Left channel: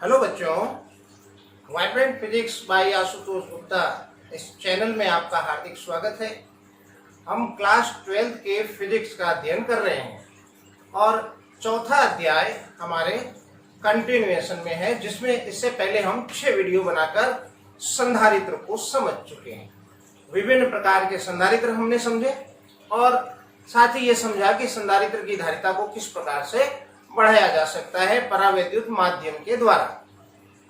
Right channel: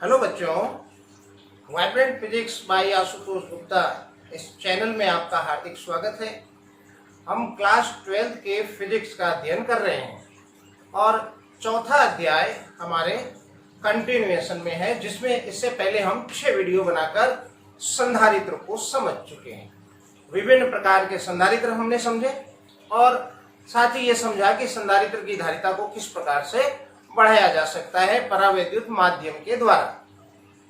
Hello बच्चों, vibrant physics bye Ashutosh Gupta इस channel में आपका हार्दिक स्वागत है। हम क्लास 12 के फिजिक्स का अध्ययन कर रहे हैं और चौथा अध्याय हमारे कंटिन्यूएशन में है, जिसमें इससे पहले हम 6 वीडियो बनाकर संधारित्र को समझ चुके हैं। विभिन्न प्रकार के संधारित्र हमने समझे और साथ ही ये समझा कि संधारित्र की धारिता को किस प्रकार से बढ़ाया जा सकता है परावैद्युत माध्यम के द्वारा।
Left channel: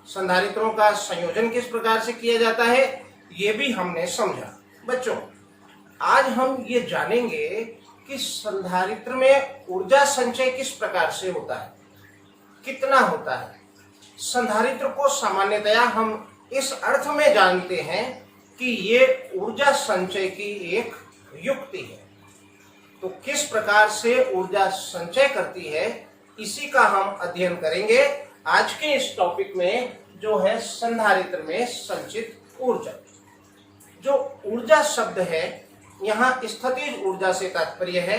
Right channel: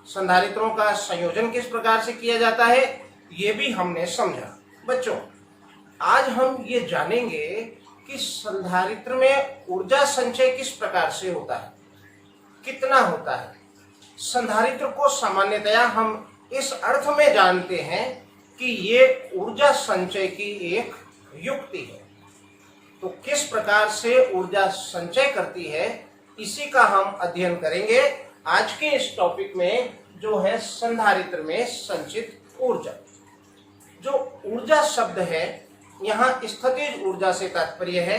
संधारित्रों का संयोजन किस प्रकार से किया जाता है ये भी हमने समझा। बच्चों, आज हम ये जानेंगे कि संधारित्र में ऊर्जा संचय किस प्रकार से होता है, कितना होता है। संधारित्र को सामान्यतया हम इस अर्थ में जानते हैं कि ये ऊर्जा संचय की एक युक्ति है। तो किस प्रकार से ऊर्जा संचय करती है इसी का हम अध्ययन करेंगे आज के इस टॉपिक में, जो है संधारित्र में संचित ऊर्जा। जो ऊर्जा शब्द है यहाँ स्थितिज ऊर्जा से तात्पर्य है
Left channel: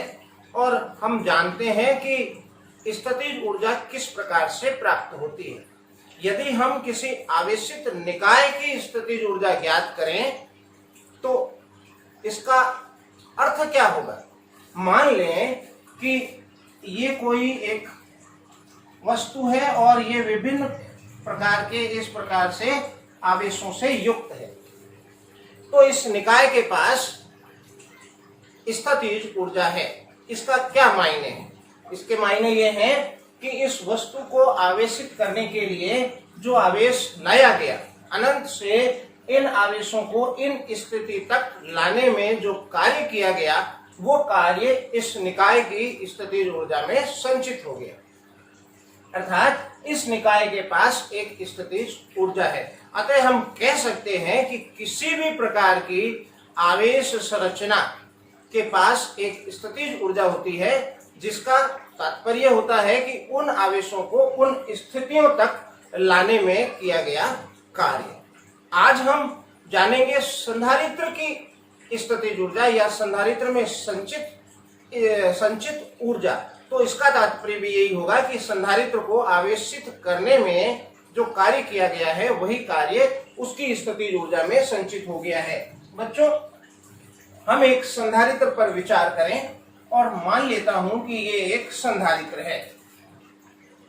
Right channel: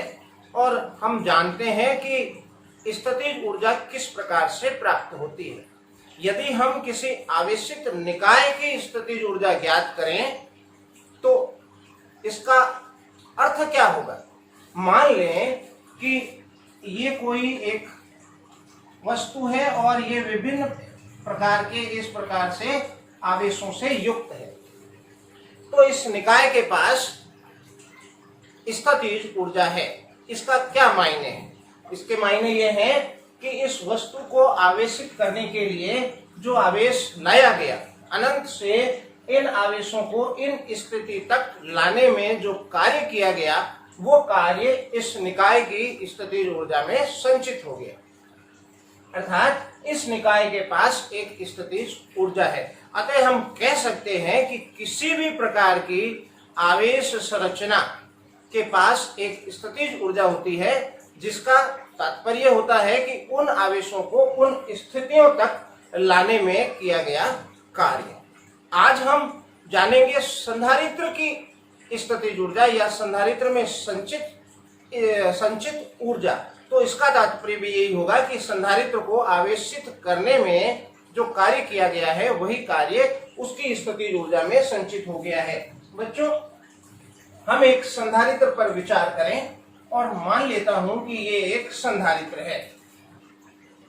और हम जानते हैं कि स्थितिज ऊर्जा किस प्रकार से प्राप्त होती है। यदि हम किसी आवेशित निकाय की स्थितिज ऊर्जा ज्ञात करें तो इसका अर्थ क्या होगा। मान लें कि ये कोई एक वस्तु है और ये विभिन्न प्रकार के इस प्रकार से आवेशों से युक्त है, तो इस निकाय के पास स्थितिज ऊर्जा है। इसका क्या मायने है? इसके मायने ये हैं कि इस वस्तु को आवेशित करने के लिए जो आवेश लाया गया, अनंत से इन आवेशों को इन स्थिति तक लाने में जो कार्य किया गया, वो कार्य इस निकाय की स्थितिज ऊर्जा में संचित हो गया। अर्थात इस निकाय के पास एक स्थितिज ऊर्जा है। अतः हम कह सकते हैं कि किसी भी प्रकार की आवेश संरचना के पास एक स्थितिज ऊर्जा होती है, जिसका तात्पर्य होता है कि उन आवेशों को उन स्थितियों तक लाने में किया गया कार्य। आज हम जानेंगे संधारित्र की स्थितिज ऊर्जा या संधारित्र में संचित ऊर्जा। तो इसका तात्पर्य भी यही होगा कि संधारित्र को आवेशित करने में जो कार्य किया गया है वही कार्य उसकी स्थितिज ऊर्जा में संचित हो गया है। बच्चों, हम एक संधारित्र पर विचार करें और मान लेता हूं कि ये एक संधारित्र है।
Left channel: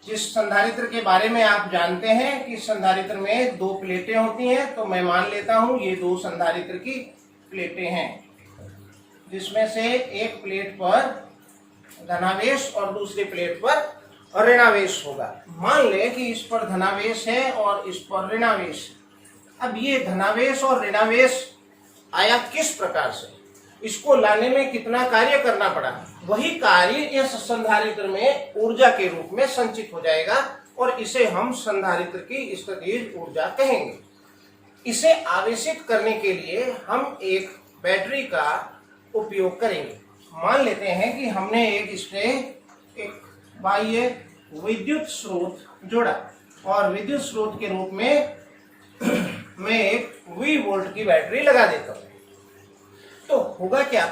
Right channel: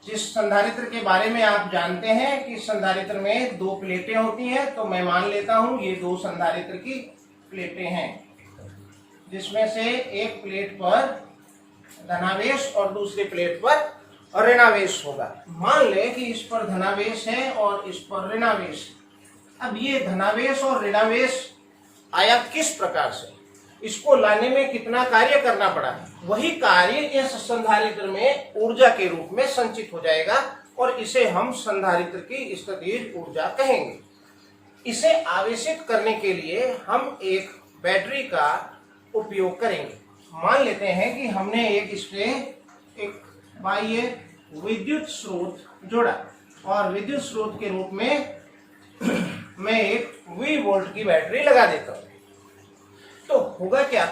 जिस संधारित्र के बारे में आप जानते हैं कि संधारित्र में 2 प्लेटें होती हैं, तो मैं मान लेता हूं ये 2 संधारित्र की प्लेटें हैं, जिसमें से एक प्लेट पर धनावेश और दूसरी प्लेट पर ऋणावेश होगा। मान लें कि इस पर धनावेश है और इस पर ऋणावेश। अब ये धनावेश और ऋणावेश आया किस प्रकार से, इसको लाने में कितना कार्य करना पड़ा, वही कार्य इस संधारित्र में ऊर्जा के रूप में संचित हो जाएगा और इसे हम संधारित्र की स्थितिज ऊर्जा कहेंगे। इसे आवेशित करने के लिए हम एक बैटरी का उपयोग करेंगे। मान लेते हैं कि हमने एक बाह्य विद्युत स्रोत जोड़ा और विद्युत स्रोत के रूप में मैं एक V वोल्ट की बैटरी लगा देता हूं। तो होगा क्या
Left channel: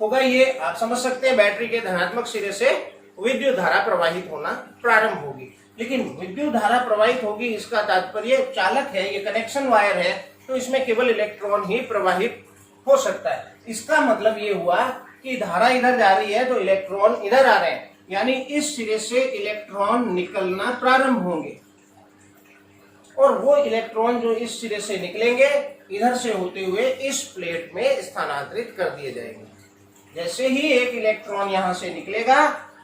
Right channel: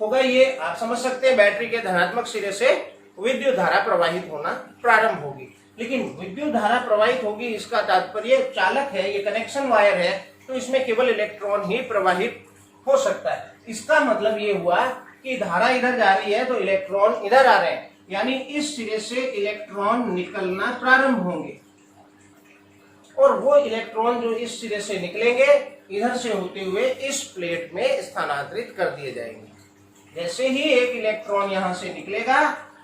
होगा, ये आप समझ सकते हैं, बैटरी के धनात्मक सिरे से विद्युत धारा प्रवाहित होना प्रारंभ होगी। लेकिन विद्युत धारा प्रवाहित होगी, इसका तात्पर्य चालक है, ये कनेक्शन वायर है, तो इसमें केवल इलेक्ट्रॉन ही प्रवाहित हो सकता है। इसका मतलब ये हुआ कि धारा इधर जा रही है तो इलेक्ट्रॉन इधर आ रहे हैं, यानी इस सिरे से इलेक्ट्रॉन निकलना प्रारंभ होंगे और वो इलेक्ट्रॉन जो इस सिरे से निकलेंगे इधर से होते हुए इस प्लेट में स्थानांतरित कर दिए जाएंगे। जैसे ही एक इलेक्ट्रॉन यहां से निकलेगा,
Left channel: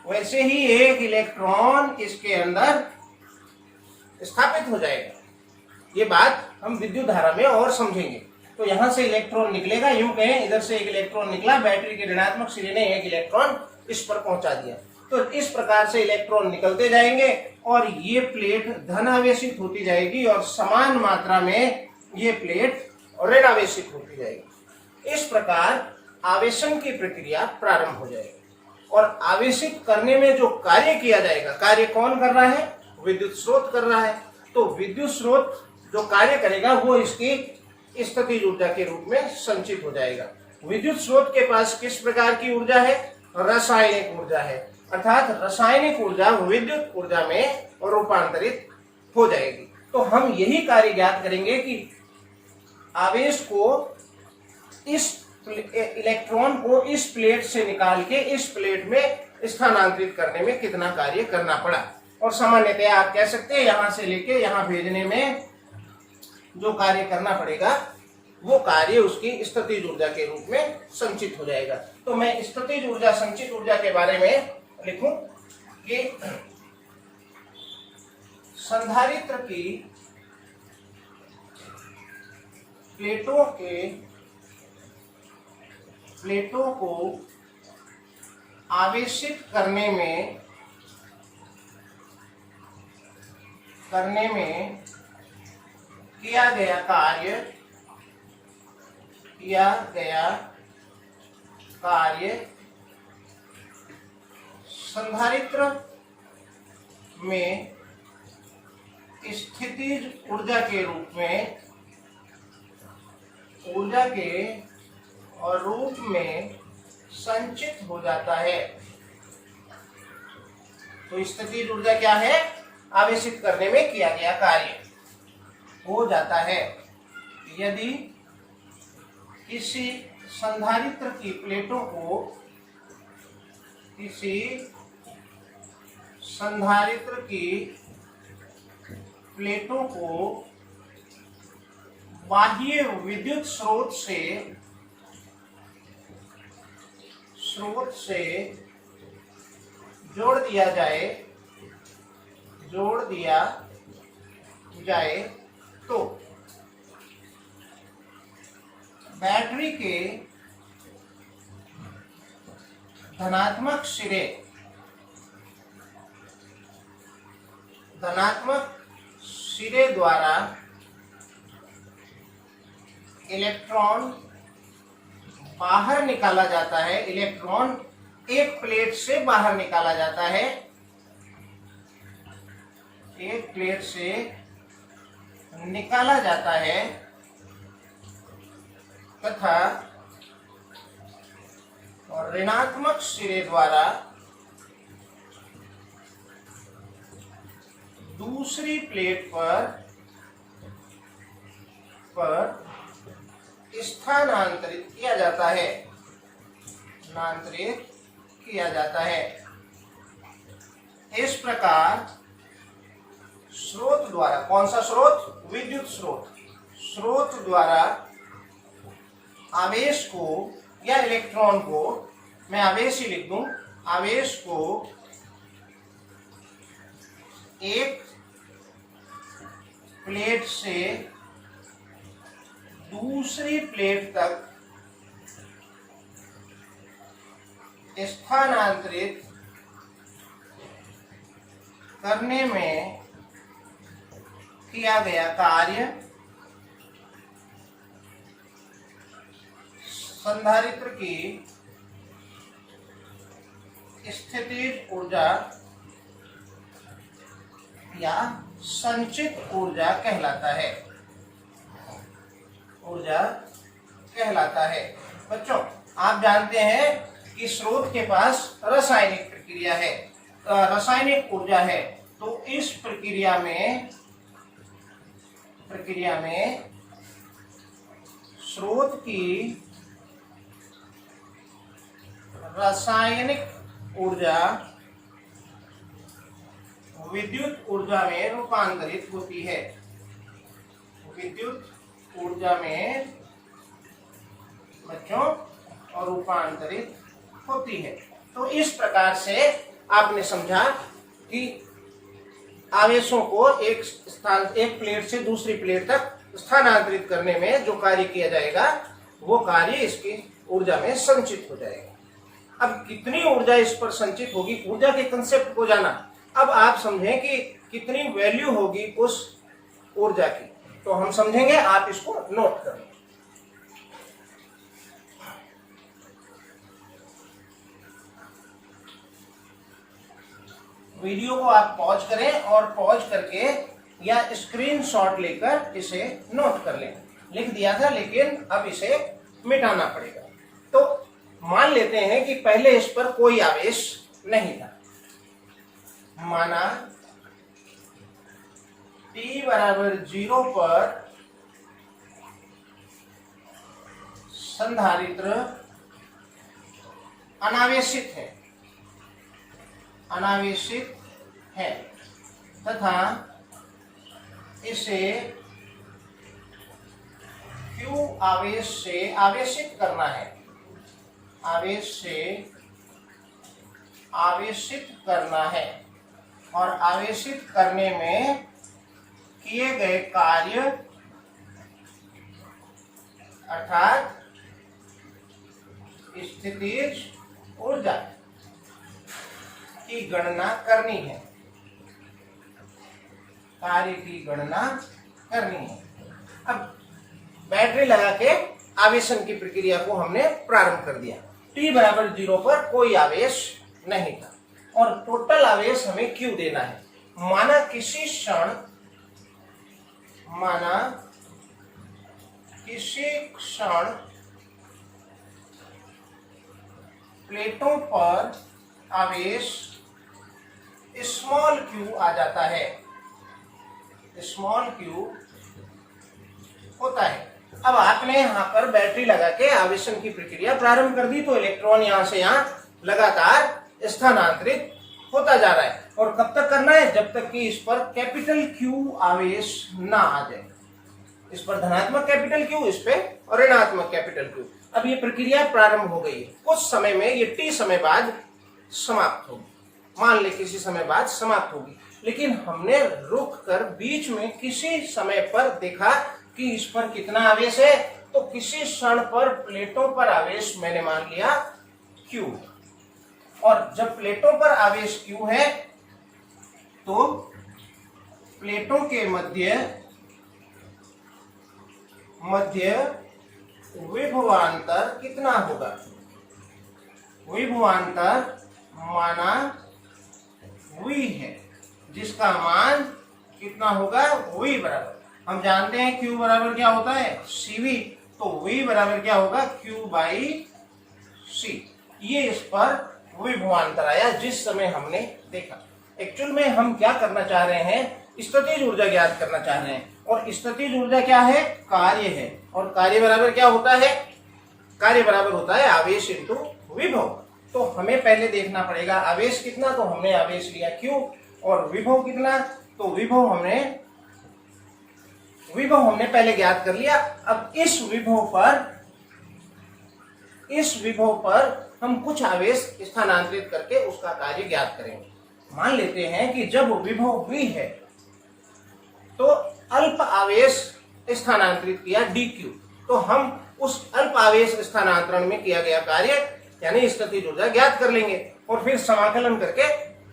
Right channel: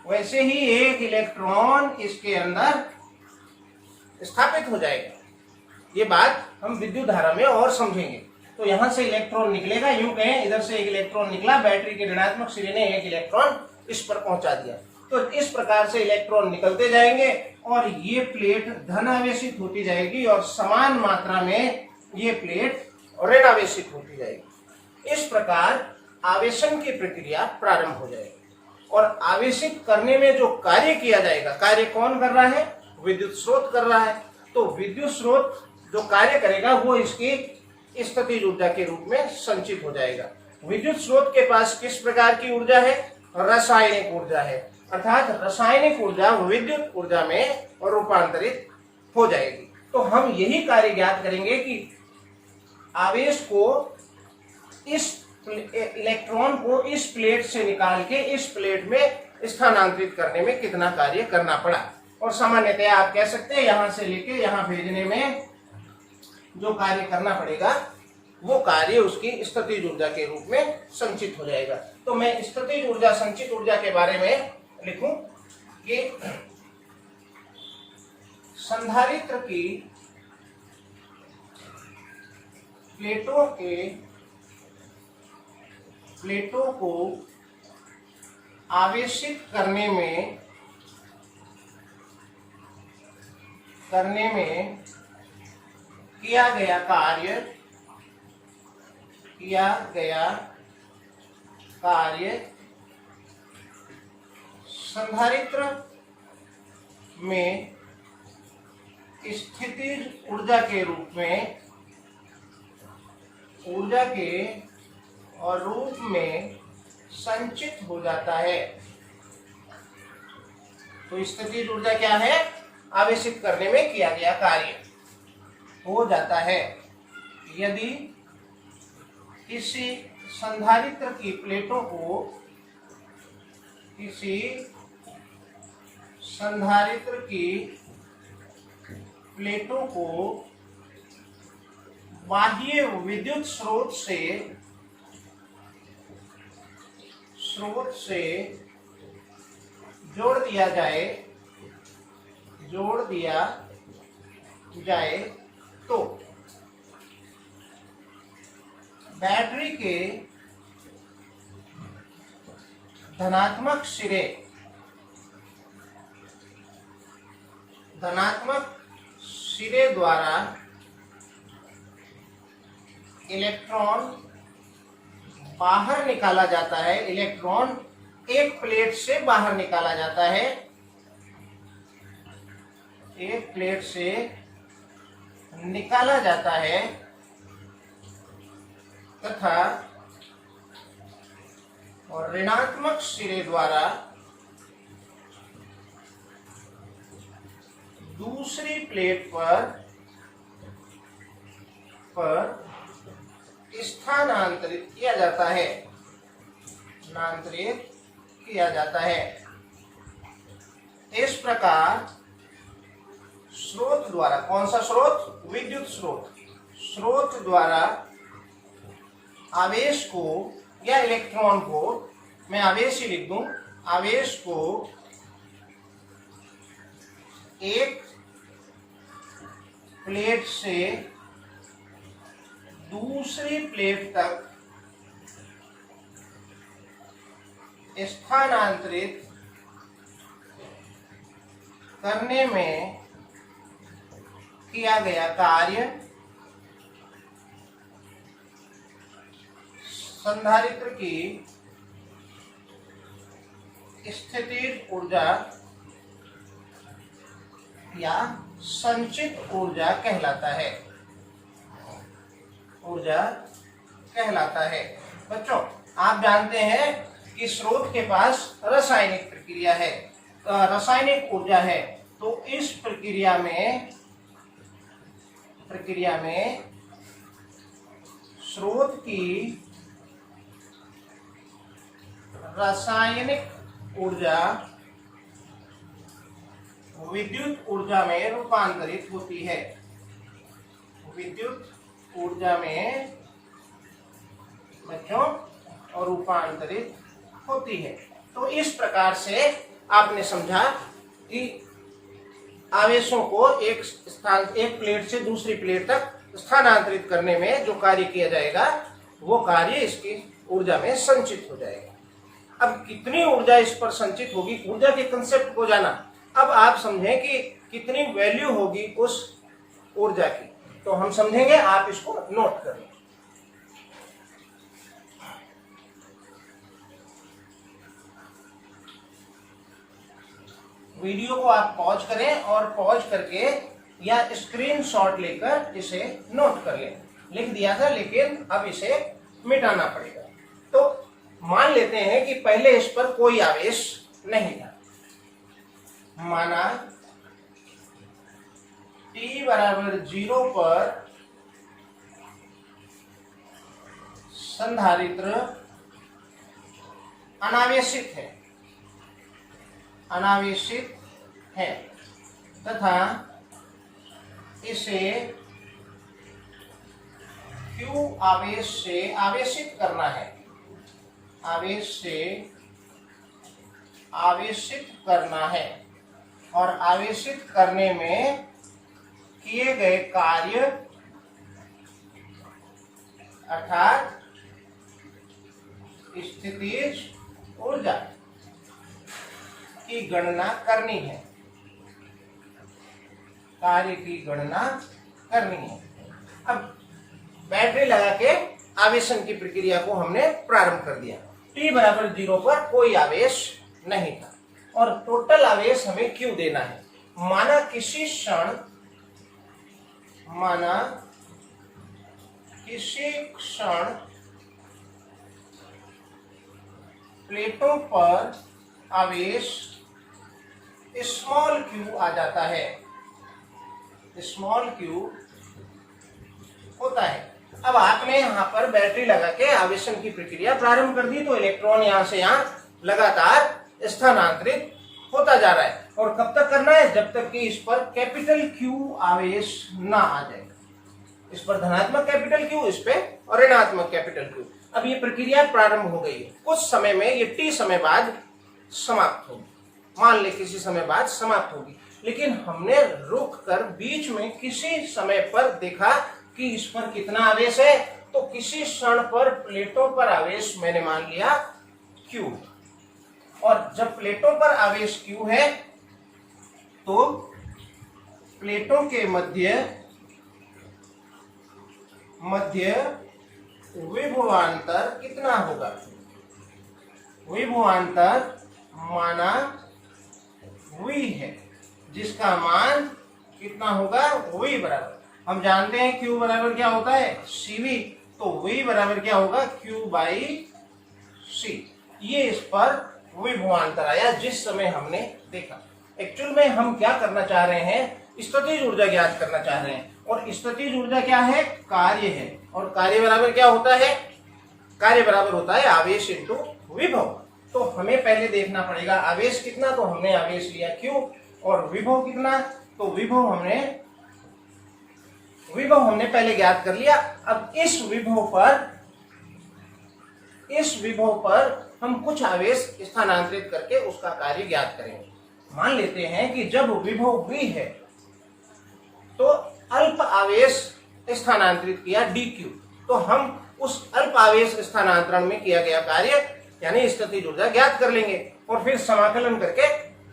वैसे ही एक इलेक्ट्रॉन इसके अंदर स्थापित हो जाएगा। ये बात हम विद्युत धारा में और समझेंगे। तो यहां से इलेक्ट्रॉन निकलेगा, यूं कहें इधर से एक इलेक्ट्रॉन निकला, बैटरी के ऋणात्मक सिरे ने एक इलेक्ट्रॉन इस पर पहुंचा दिया। तो इस प्रकार से इलेक्ट्रॉन निकलते जाएंगे और ये प्लेट धनावेशित होती जाएगी और समान मात्रा में ये प्लेट ऋणावेशित होती जाएगी। इस प्रकार आवेशन की प्रक्रिया प्रारंभ हो जाएगी और आवेशित करने में जो कार्य किया जाएगा, कार्य कौन कर रहा है? विद्युत स्रोत कर रहा है। तो विद्युत स्रोत जो कार्य करेगा वो इसकी स्थितिज ऊर्जा के रूप में संचित हो जाएगा। विद्युत स्रोत के पास किस प्रकार की ऊर्जा है? रासायनिक ऊर्जा है। अर्थात रासायनिक ऊर्जा विद्युत ऊर्जा में रूपांतरित हो जाएगी। तो हम यही कार्य ज्ञात करेंगे कि आवेश को इस इलेक्ट्रॉन को इस प्लेट से निकाल के इस प्लेट में स्थानांतरित करने में कितना कार्य करना पड़ा। और सामान्यतः आप कह सकते हैं यहां से लेके यहां भेजने में जो कार्य करना पड़ेगा वो कार्य उसकी स्थितिज ऊर्जा के रूप में संचित हो जाएगा। तो मैं स्थितिज ऊर्जा, संचित ऊर्जा के बारे में लिखूं कि संधारित्र की प्लेटों को आवेशित करने में किया गया कार्य संधारित्र में स्थितिज ऊर्जा के रूप में संचित हो जाता है। तो स्थितिज ऊर्जा क्या है? आवेशित करने में किया गया कार्य हो जाता है। यदि किसी संधारित्र की प्लेटों को बाह्य विद्युत स्रोत से जोड़ दिया जाए तो बैटरी के धनात्मक सिरे द्वारा इलेक्ट्रॉन बाहर निकाला जाता है। इलेक्ट्रॉन एक प्लेट से बाहर निकाला जाता है, एक प्लेट से निकाला जाता है तथा और ऋणात्मक सिरे द्वारा दूसरी प्लेट पर स्थानांतरित किया जाता है। इस प्रकार स्रोत द्वारा, कौन सा स्रोत? विद्युत स्रोत द्वारा आवेश को या इलेक्ट्रॉन को, मैं आवेश ही लिख दूं, आवेश को एक प्लेट से दूसरी प्लेट तक स्थानांतरित करने में किया गया कार्य संधारित्र की स्थितिज ऊर्जा या संचित ऊर्जा कहलाता है। बच्चों, आप जानते हैं कि स्रोत के पास रासायनिक प्रक्रिया है, रासायनिक ऊर्जा है। तो इस प्रक्रिया में स्रोत की रासायनिक ऊर्जा विद्युत ऊर्जा में रूपांतरित होती है। विद्युत ऊर्जा में बच्चों और रूपांतरित होती है। तो इस प्रकार से आपने समझा कि आवेशों को एक प्लेट से दूसरी प्लेट तक स्थानांतरित करने में जो कार्य किया जाएगा वो कार्य इसकी ऊर्जा में संचित हो जाएगा। अब कितनी ऊर्जा इस पर संचित होगी, ऊर्जा के कंसेप्ट को जाना। अब आप समझें कि कितनी वैल्यू होगी उस ऊर्जा की, तो हम समझेंगे, आप इसको नोट करें। वीडियो को आप पॉज करें और पॉज करके या स्क्रीनशॉट लेकर इसे नोट कर लें। लिख दिया था लेकिन अब इसे मिटाना पड़ेगा। तो मान लेते हैं कि पहले इस पर कोई आवेश नहीं था। माना t बराबर 0 पर संधारित्र अनावेशित है तथा इसे q आवेश से आवेशित करना है, और आवेशित करने में किए गए कार्य अर्थात स्थितिज ऊर्जा की गणना करनी है, कार्य की गणना करनी है। अब बैटरी लगा के आवेशन की प्रक्रिया को हमने प्रारंभ कर दिया। t बराबर 0 पर कोई आवेश नहीं था और टोटल आवेश हमें q देना है। माना किसी क्षण प्लेटों पर आवेश स्मॉल q आ जाता है, स्मॉल q होता है। अब आपने यहाँ पर बैटरी लगा के आवेशन की प्रक्रिया प्रारंभ कर दी तो इलेक्ट्रॉन यहाँ से यहाँ लगातार स्थानांतरित होता जा रहा है। और कब तक करना है? जब तक कि इस पर कैपिटल Q आवेश ना आ जाए। इस पर धनात्मक कैपिटल Q, इस पे और ऋणात्मक कैपिटल Q। अब ये प्रक्रिया प्रारंभ हो गई है। कुछ समय में ये t समय बाद समाप्त होगी, मान ले किसी समय बाद समाप्त होगी, लेकिन हमने रुक कर बीच में किसी समय पर देखा कि इस पर कितना आवेश है। तो किसी क्षण पर प्लेटों पर आवेश मैंने मान लिया Q, और जब प्लेटों पर आवेश Q है तो प्लेटों के मध्य विभवांतर कितना होगा? विभवांतर माना V है, जिसका मान कितना होगा? V बराबर, हम जानते हैं Q बराबर क्या होता है? CV। तो V बराबर क्या होगा? Q by C। ये इस पर विभवांतर आया जिस समय हमने देखा। एक्चुअल में हम क्या करना चाह रहे हैं? स्थितिज ऊर्जा ज्ञात करना चाह रहे हैं, और स्थितिज ऊर्जा क्या है? कार्य है। और कार्य बराबर क्या होता है? कार्य बराबर होता है आवेश इंटू विभव। तो हमें पहले देखना पड़ेगा आवेश कितना, तो हमने आवेश लिया Q, और विभव कितना, तो विभव हमने पहले ज्ञात कर लिया। अब इस विभव पर हम कुछ आवेश स्थानांतरित करके उसका कार्य ज्ञात करेंगे। मान लेते हैं कि जब विभव V है तो अल्प आवेश स्थानांतरित किया dq, तो हम उस अल्प आवेश स्थानांतरण में किया गया कार्य यानी स्थितिज ऊर्जा ज्ञात कर लेंगे, और फिर समाकलन करके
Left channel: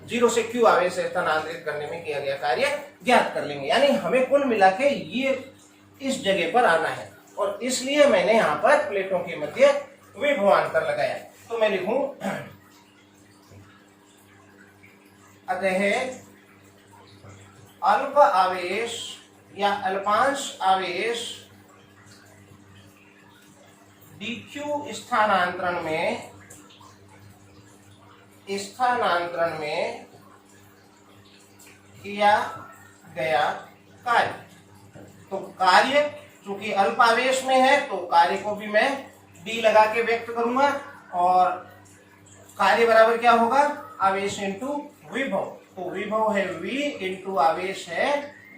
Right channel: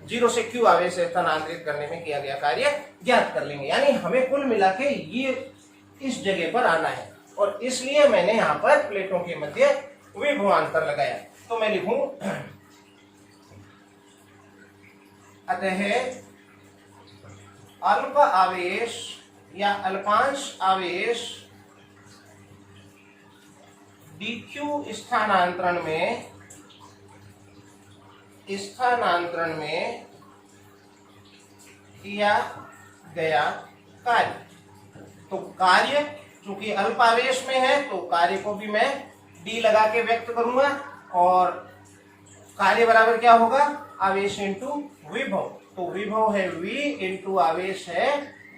0 से q आवेश स्थानांतरित करने में किया गया कार्य ज्ञात कर लेंगे। यानी हमें कुल मिला के ये इस जगह पर आना है, और इसलिए मैंने यहाँ पर प्लेटों के मध्य विभवांतर लगाया। तो मैं लिखूं अतः अल्प आवेश या अल्पांश आवेश dq स्थानांतरण में किया गया कार्य। तो कार्य चूंकि अल्प आवेश में है तो कार्य को भी मैं d लगा के व्यक्त करूंगा, और कार्य बराबर क्या होगा? आवेश इंटू विभव। तो विभव है V इंटू आवेश है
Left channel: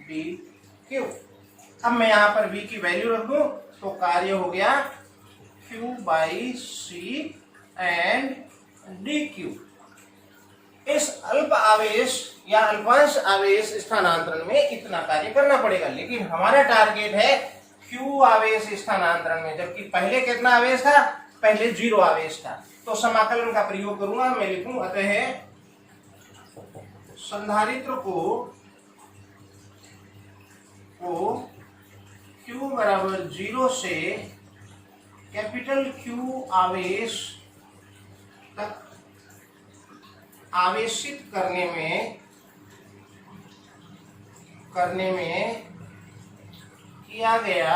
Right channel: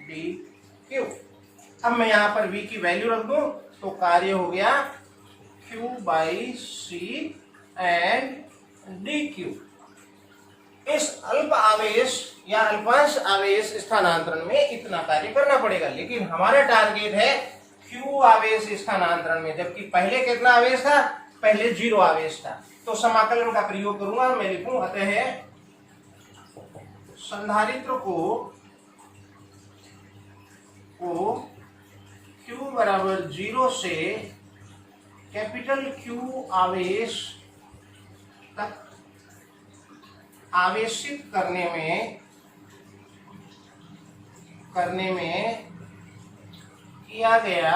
dq। अब मैं यहाँ पर V की वैल्यू रख दूं तो कार्य हो गया Q by C and dq। इस अल्प आवेश या अल्पांश आवेश स्थानांतरण में इतना कार्य करना पड़ेगा, लेकिन हमारा टारगेट है Q आवेश स्थानांतरण में, जबकि पहले कितना आवेश था? पहले 0 आवेश था। तो समाकलन का प्रयोग करूंगा, मैं लिखूं अतः संधारित्र को Q बराबर 0 से कैपिटल Q आवेश तक आवेशित करने में किया गया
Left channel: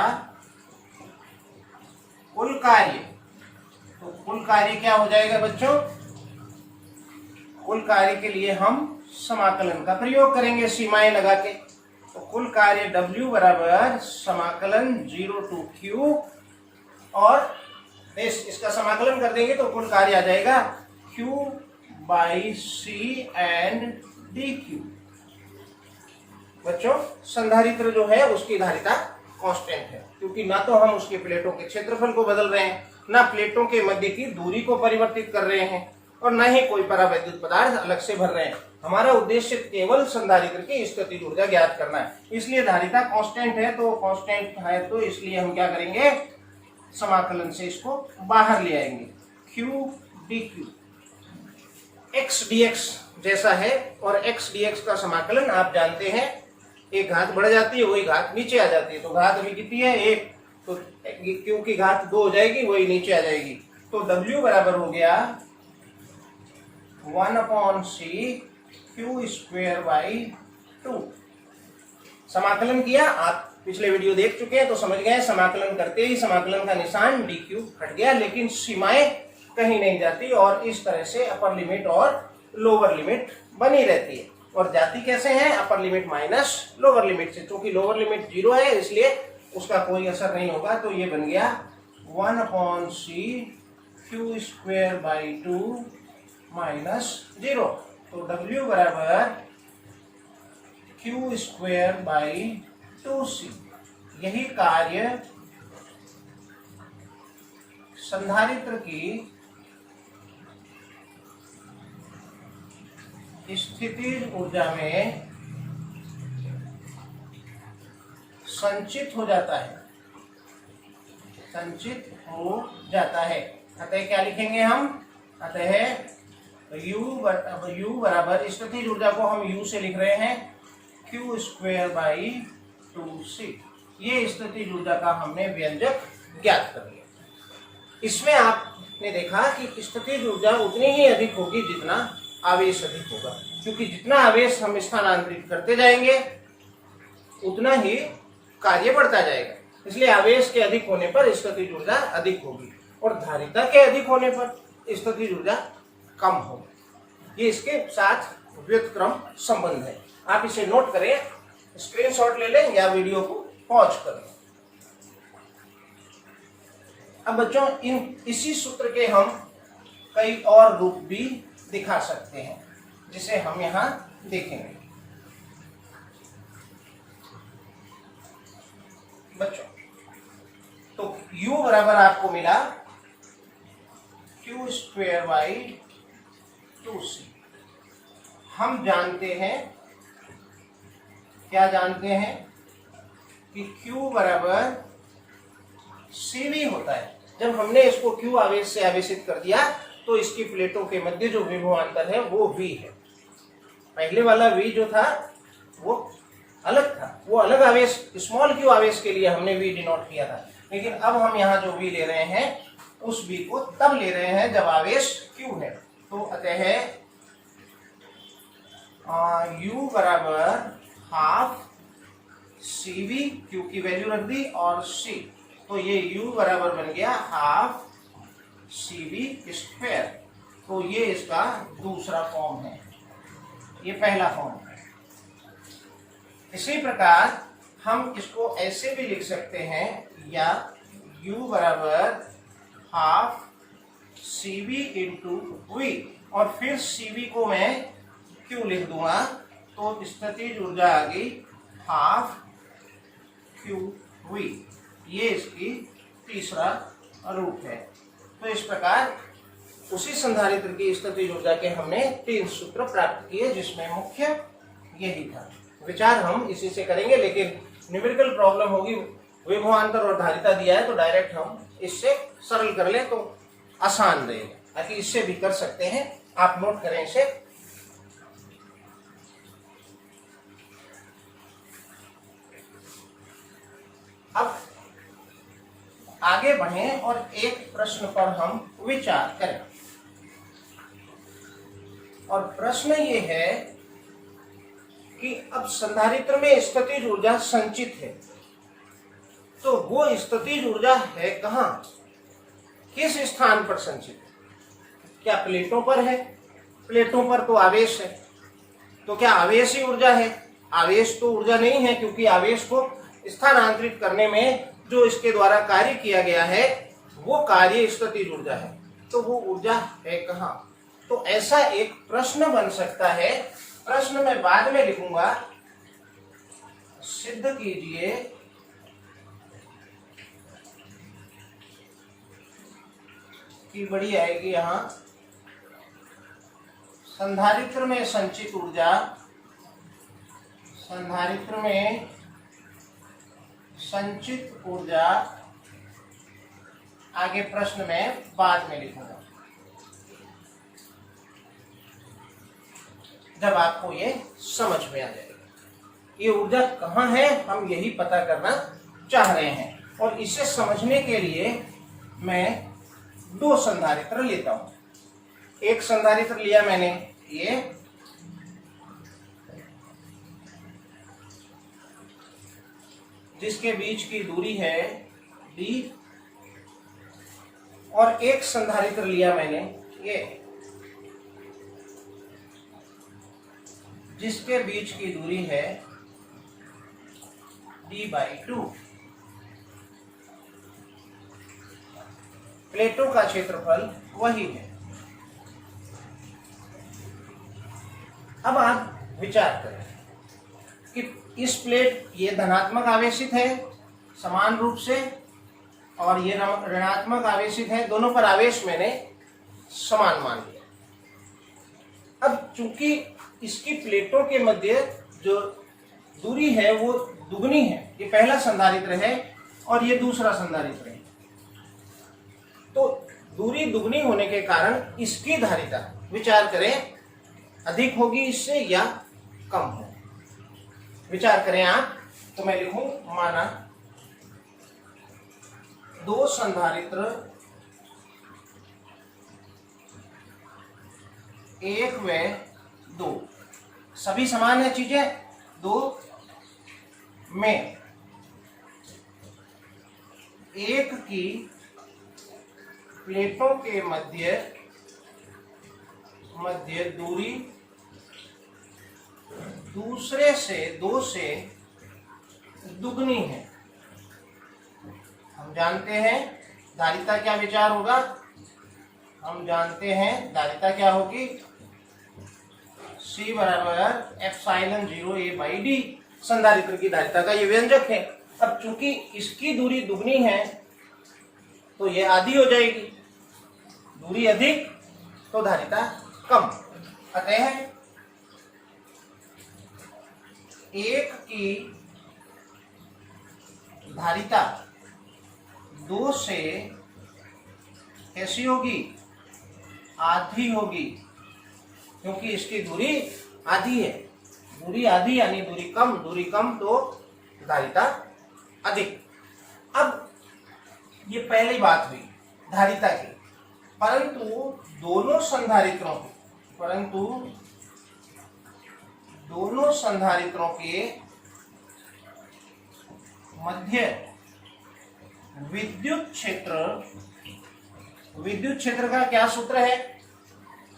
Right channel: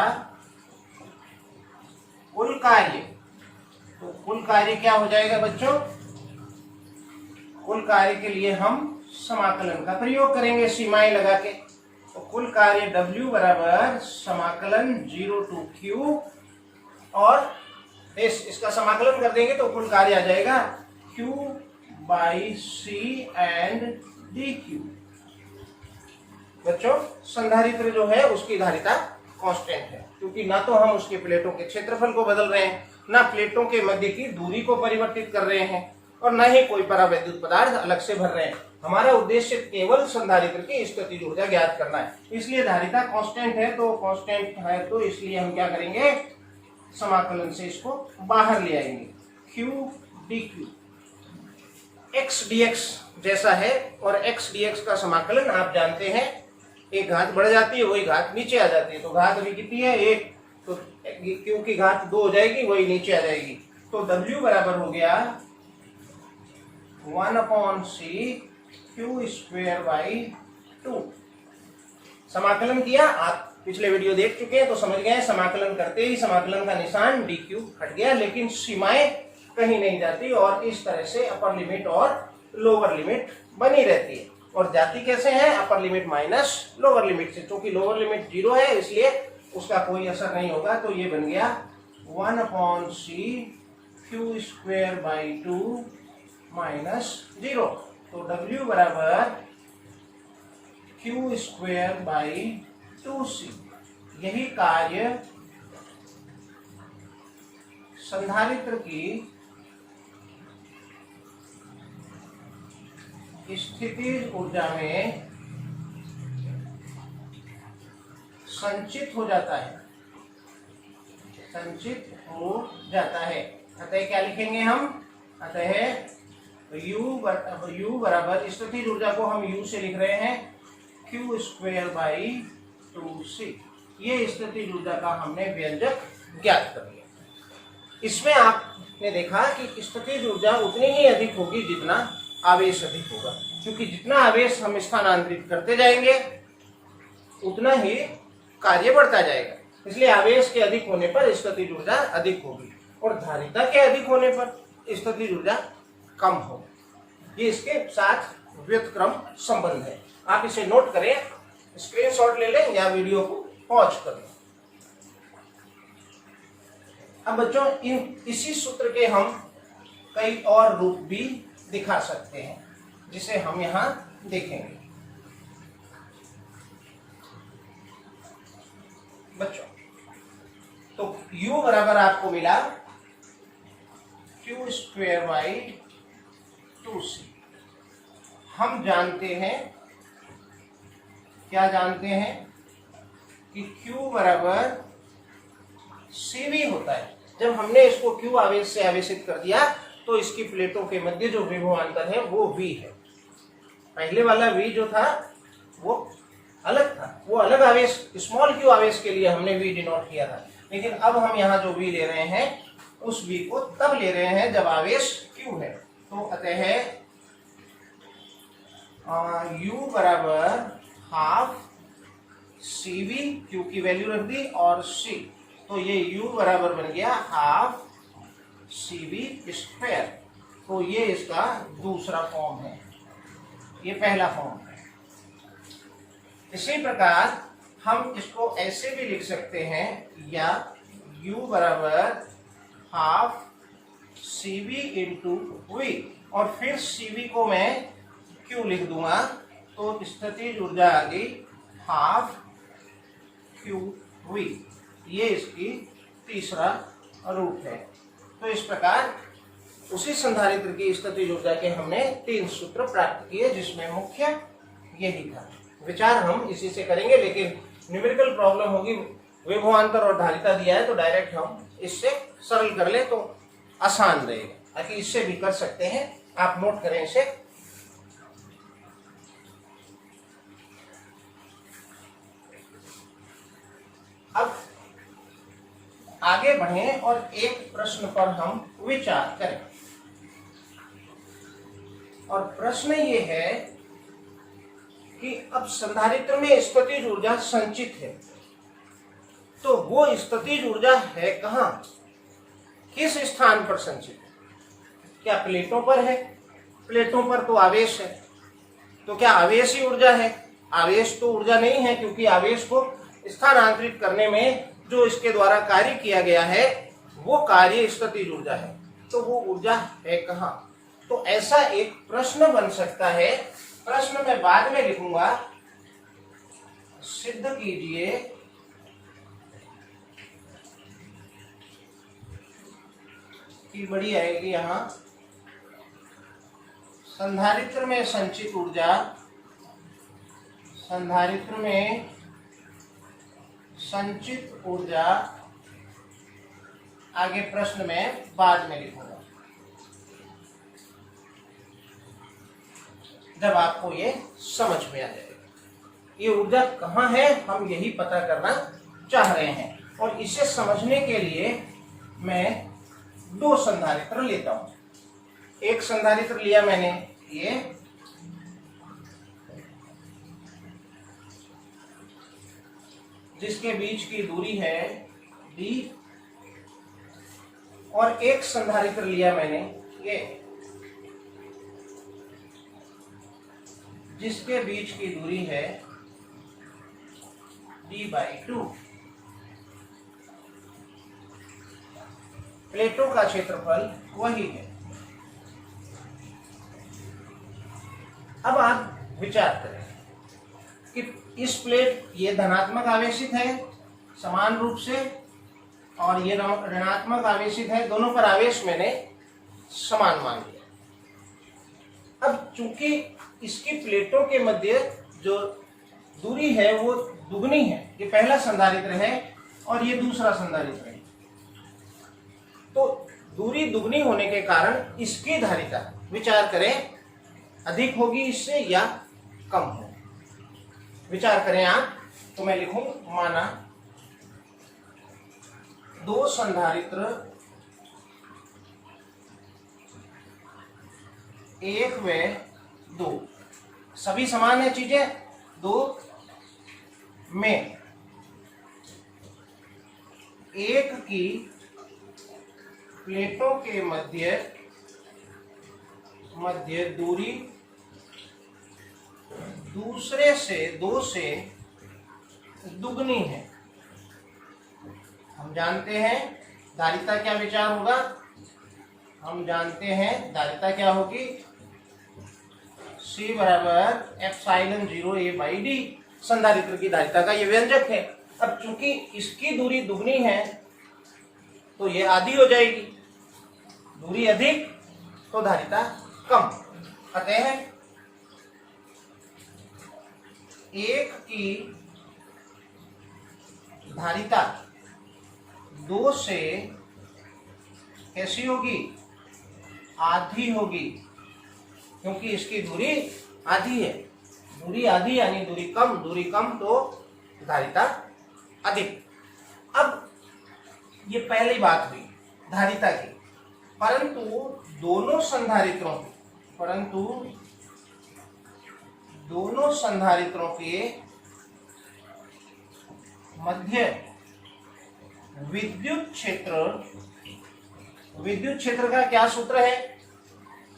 कुल कार्य। तो कुल कार्य क्या हो जाएगा बच्चों? कुल कार्य के लिए हम समाकलन का प्रयोग करेंगे सीमाएं लगा के। तो कुल कार्य W बराबर समाकलन 0 to Q, और इसका समाकलन कर देंगे तो कुल कार्य आ जाएगा Q by C and dQ। बच्चों संधारित्र जो है उसकी धारिता कांस्टेंट है, क्योंकि ना तो हम उसके प्लेटों के क्षेत्रफल को बदल रहे हैं, ना प्लेटों के मध्य की दूरी को परिवर्तित कर रहे हैं, और ना ही कोई परावैद्युत पदार्थ अलग से भर रहे हैं। हमारा उद्देश्य केवल संधारित्र की स्थितिज ऊर्जा ज्ञात करना है, इसलिए धारिता कांस्टेंट है। तो कांस्टेंट है तो इसलिए हम क्या करेंगे, समाकलन से इसको बाहर ले आएंगे। Q dQ x dx जैसा है, और x dx का समाकलन आप जानते हैं, एक घात बढ़ जाती है वही घात नीचे आ जाती है। तो घात अभी कितनी है, 1, तो Q की घात 2 हो जाएगी, वही नीचे आ जाएगी। तो W बराबर हो गया 1/c Q स्क्वायर बाई 2। समाकलन किया, आप पिछले वीडियो देख चुके हैं तो समझ गए, समाकलन करते ही समाकलन का निशान dq हट गया, लेकिन सीमाएं कहीं नहीं जाती, और इस तरह से अपर लिमिट और लोअर लिमिट बनी रहती है। और जाती कैसे है, upper limit minus lower limit से, क्योंकि लोअर लिमिट 0 है इसलिए उसका कोई असर नहीं होगा। तो ये बन गया 1/c Q square by 2 minus 0। तो W बराबर Q स्क्वायर बाई 2c। यही कार्य संधारित्र की स्थितिज ऊर्जा में संचित हो जाता है, संचित हो जाता है। अतः क्या लिखेंगे हम, अतः U बराबर स्थितिज ऊर्जा को हम U से लिख रहे हैं Q स्क्वायर बाई 2c। ये स्थितिज ऊर्जा का हमने व्यंजक ज्ञात कर लिया। इसमें आपने देखा कि स्थितिज ऊर्जा उतनी ही अधिक होगी जितना आवेश अधिक होगा, क्योंकि जितना आवेश हम स्थानांतरित करते जाएंगे उतना ही कार्य बढ़ता जाएगा। इसलिए आवेश के अधिक होने पर स्थितिज ऊर्जा अधिक होगी, और धारिता के अधिक होने पर स्थितिज ऊर्जा कम होगी। ये इसके साथ व्युत्क्रम संबंध है। आप इसे नोट करें, स्क्रीनशॉट ले लें या वीडियो को पॉज कर लें। अब बच्चों इसी सूत्र के हम कई और रूप भी दिखा सकते हैं, जिसे हम यहाँ देखेंगे। बच्चों तो U बराबर आपको मिला Q स्क्वायर बाई 2c। हम जानते हैं, क्या जानते हैं कि Q बराबर CV होता है। जब हमने इसको Q आवेश से आवेशित कर दिया तो इसकी प्लेटों के मध्य जो विभवांतर है वो V है। पहले वाला V जो था वो अलग था, वो अलग आवेश स्मॉल q आवेश के लिए हमने V डिनोट किया था, लेकिन अब हम यहाँ जो V ले रहे हैं उस V को तब ले रहे हैं जब आवेश Q है। तो अतः U बराबर हाफ CV, Q की वैल्यू रख दी, और C, तो ये U बराबर बन गया हाफ CV स्क्वायर। तो ये इसका दूसरा फॉर्म है, ये पहला फॉर्म है। इसी प्रकार हम इसको ऐसे भी लिख सकते हैं, या U बराबर हाफ CV इंटू V, और फिर CV को मैं Q लिख दूंगा, तो स्थितिज ऊर्जा आ गई हाफ QV। ये इसकी तीसरा रूप है। तो इस प्रकार उसी संधारित्र की स्थितिज ऊर्जा के हमने 3 सूत्र प्राप्त किए, जिसमें मुख्य यही था। विचार हम इसी से करेंगे, लेकिन न्यूमेरिकल प्रॉब्लम होगी, विभवांतर और धारिता दिया है तो डायरेक्ट हम इससे सरल कर लें तो आसान रहेगा। ताकि इससे भी कर सकते हैं, आप नोट करें इसे। अब आगे बढ़ें और एक प्रश्न पर हम विचार करें, और प्रश्न ये है कि अब संधारित्र में स्थितिज ऊर्जा संचित है, तो वो स्थितिज ऊर्जा है कहाँ, किस स्थान पर संचित है? क्या प्लेटों पर है? प्लेटों पर तो आवेश है, तो क्या आवेश ही ऊर्जा है? आवेश तो ऊर्जा नहीं है, क्योंकि आवेश को स्थानांतरित करने में जो इसके द्वारा कार्य किया गया है वो कार्य स्थितिज ऊर्जा है। तो वो ऊर्जा है कहाँ? तो ऐसा एक प्रश्न बन सकता है। प्रश्न मैं बाद में लिखूंगा, सिद्ध कीजिए कि बड़ी आएगी यहां, संधारित्र में संचित ऊर्जा, संधारित्र में संचित ऊर्जा, आगे प्रश्न में बाद में लिखूंगा जब आपको ये समझ में आ जाएगा। ये ऊर्जा कहाँ है हम यही पता करना चाह रहे हैं, और इसे समझने के लिए मैं दो संधारित्र लेता हूं। एक संधारित्र लिया मैंने ये, जिसके बीच की दूरी है d, और एक संधारित्र लिया मैंने ये, जिसके बीच की दूरी है d/2। प्लेटों का क्षेत्रफल वही है। अब आप विचार करें कि इस प्लेट ये धनात्मक आवेशित है समान रूप से, और ये ऋणात्मक आवेशित है, दोनों पर आवेश मैंने समान मान लिया। अब चूंकि इसकी प्लेटों के मध्य जो दूरी है वो दुगनी है, ये पहला संधारित्र है और ये दूसरा संधारित्र है, तो दूरी दुगनी होने के कारण इसकी धारिता विचार करें अधिक होगी इससे या कम हो। विचार करें आप, तो मैं लिखूं माना दो संधारित्र एक व दो, सभी समान है चीजें, दो में एक की प्लेटों के मध्य दूरी दूसरे से दो से दुगनी है। हम जानते हैं धारिता क्या विचार होगा, हम जानते हैं धारिता क्या होगी, C बराबर एप्सिलॉन 0A/d संधारित्र की धारिता का ये व्यंजक है। अब चूंकि इसकी दूरी दुगनी है तो ये आधी हो जाएगी, दूरी अधिक तो धारिता कम। अतः एक की धारिता दो से कैसी होगी, आधी होगी, क्योंकि इसकी दूरी आधी है। दूरी आधी यानी दूरी कम तो धारिता अधिक। अब ये पहली बात हुई धारिता की, परंतु दोनों संधारित्रों के मध्य विद्युत क्षेत्र का क्या सूत्र है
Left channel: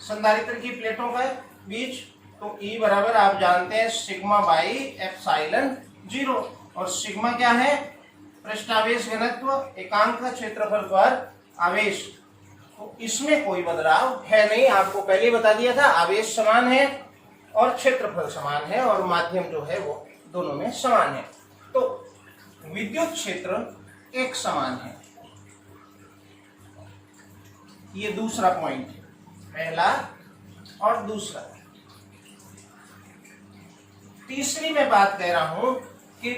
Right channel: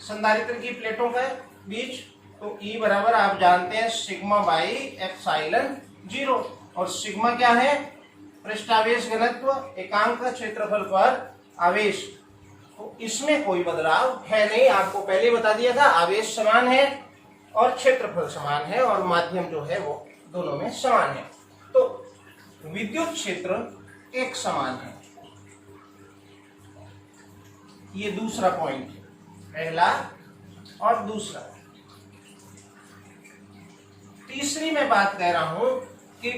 संधारित्र की प्लेटों का बीच, तो E बराबर आप जानते हैं सिग्मा बाई एप्सिलॉन 0, और सिग्मा क्या है, पृष्ठावेश घनत्व एकांक क्षेत्रफल पर आवेश। तो इसमें कोई बदलाव है नहीं, आपको पहले बता दिया था, आवेश समान है और क्षेत्रफल समान है और माध्यम जो है वो दोनों में समान है। तो विद्युत क्षेत्र एक समान है। ये दूसरा पॉइंट है, पहला और दूसरा। तीसरी मैं बात कह रहा हूं कि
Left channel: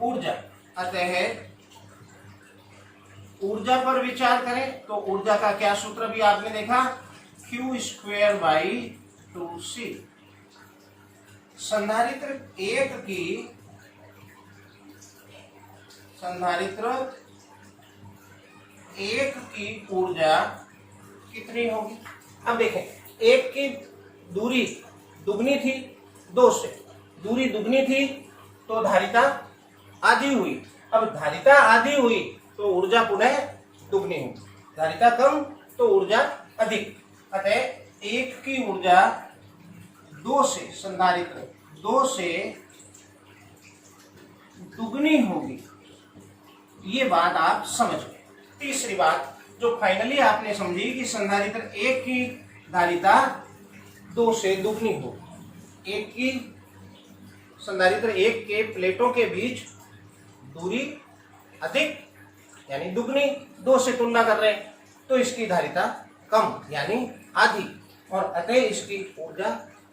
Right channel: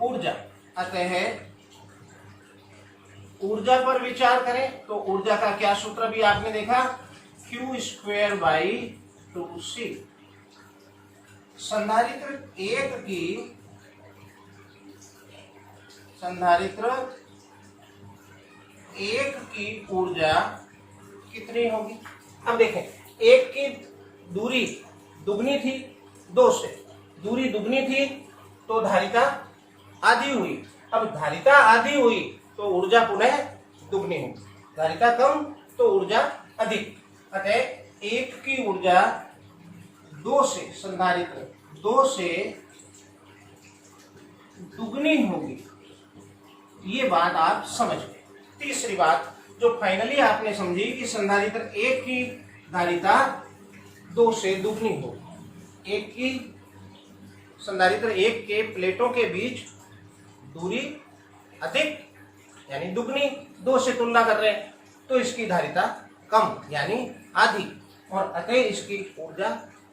ऊर्जा, अतः ऊर्जा पर विचार करें तो ऊर्जा का क्या सूत्र भी आपने देखा, Q²/2C। संधारित्र एक की ऊर्जा कितनी होगी। अब देखें, एक की दूरी दुगनी थी दो से, दूरी दुगनी थी तो धारिता आधी हुई। अब धारिता आधी हुई तो ऊर्जा पुनः दुगनी हुई, धारिता कम तो ऊर्जा अधिक। अतः एक की ऊर्जा दो से, संधारित्र 2 से दुगनी होगी। ये बात आप समझ गए। तीसरी बात जो फाइनली आपने समझी कि संधारित्र 1 की धारिता 2 से दुगनी होगी। एक की संधारित्र 1 के प्लेटों के बीच दूरी अधिक यानी दुगनी, 2 से तुलना कर रहे हैं तो इसकी धारिता कम यानी आधी, और अतः इसकी ऊर्जा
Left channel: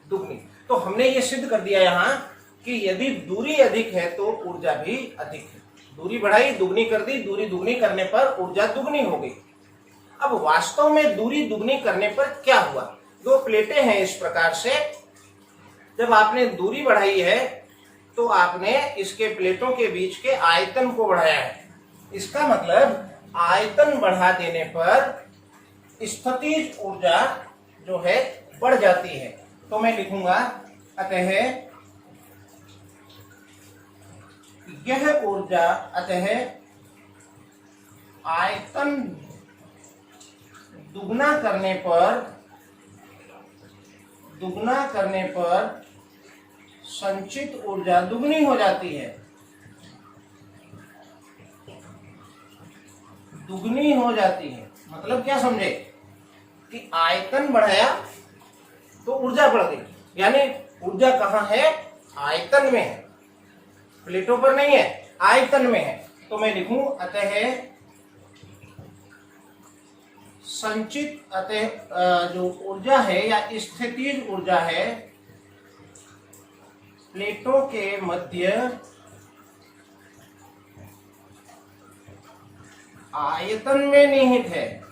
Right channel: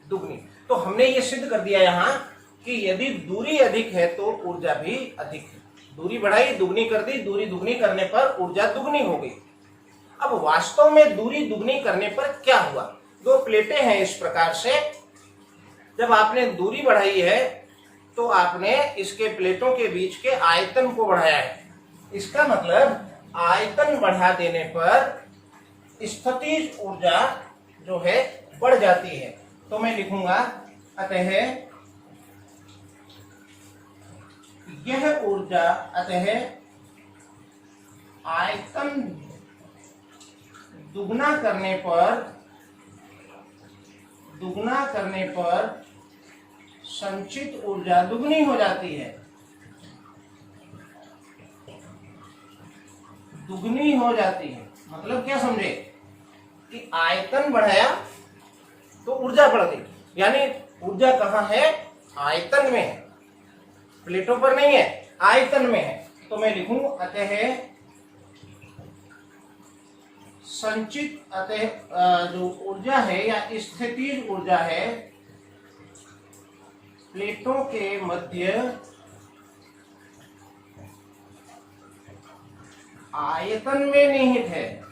दुगनी। तो हमने ये सिद्ध कर दिया यहाँ कि यदि दूरी अधिक है तो ऊर्जा भी अधिक है। दूरी बढ़ाई, दुगनी कर दी, दूरी दुगनी करने पर ऊर्जा दुगनी हो गई। अब वास्तव में दूरी दुगनी करने पर क्या हुआ? 2 प्लेटें हैं इस प्रकार से, जब आपने दूरी बढ़ाई है तो आपने इसके प्लेटों के बीच के आयतन को बढ़ाया है। इसका मतलब आयतन बढ़ा देने पर स्थितिज ऊर्जा जो है बढ़ जाती है। तो मैं लिखूंगा अतः यह ऊर्जा, अतः आयतन दुगना करने पर संचित ऊर्जा दुगनी हो जाती है। दुगनी हो जाती है मतलब क्या समझे कि आयतन बढ़ाया तो ऊर्जा बढ़ गई, यानी ऊर्जा कहाँ है? आयतन में है, प्लेटों पर नहीं है, आयतन में है। तो मैं लिखूं अतः संचित, अतः जो ऊर्जा है या स्थितिज ऊर्जा है प्लेटों के मध्य आयतन में निहित है।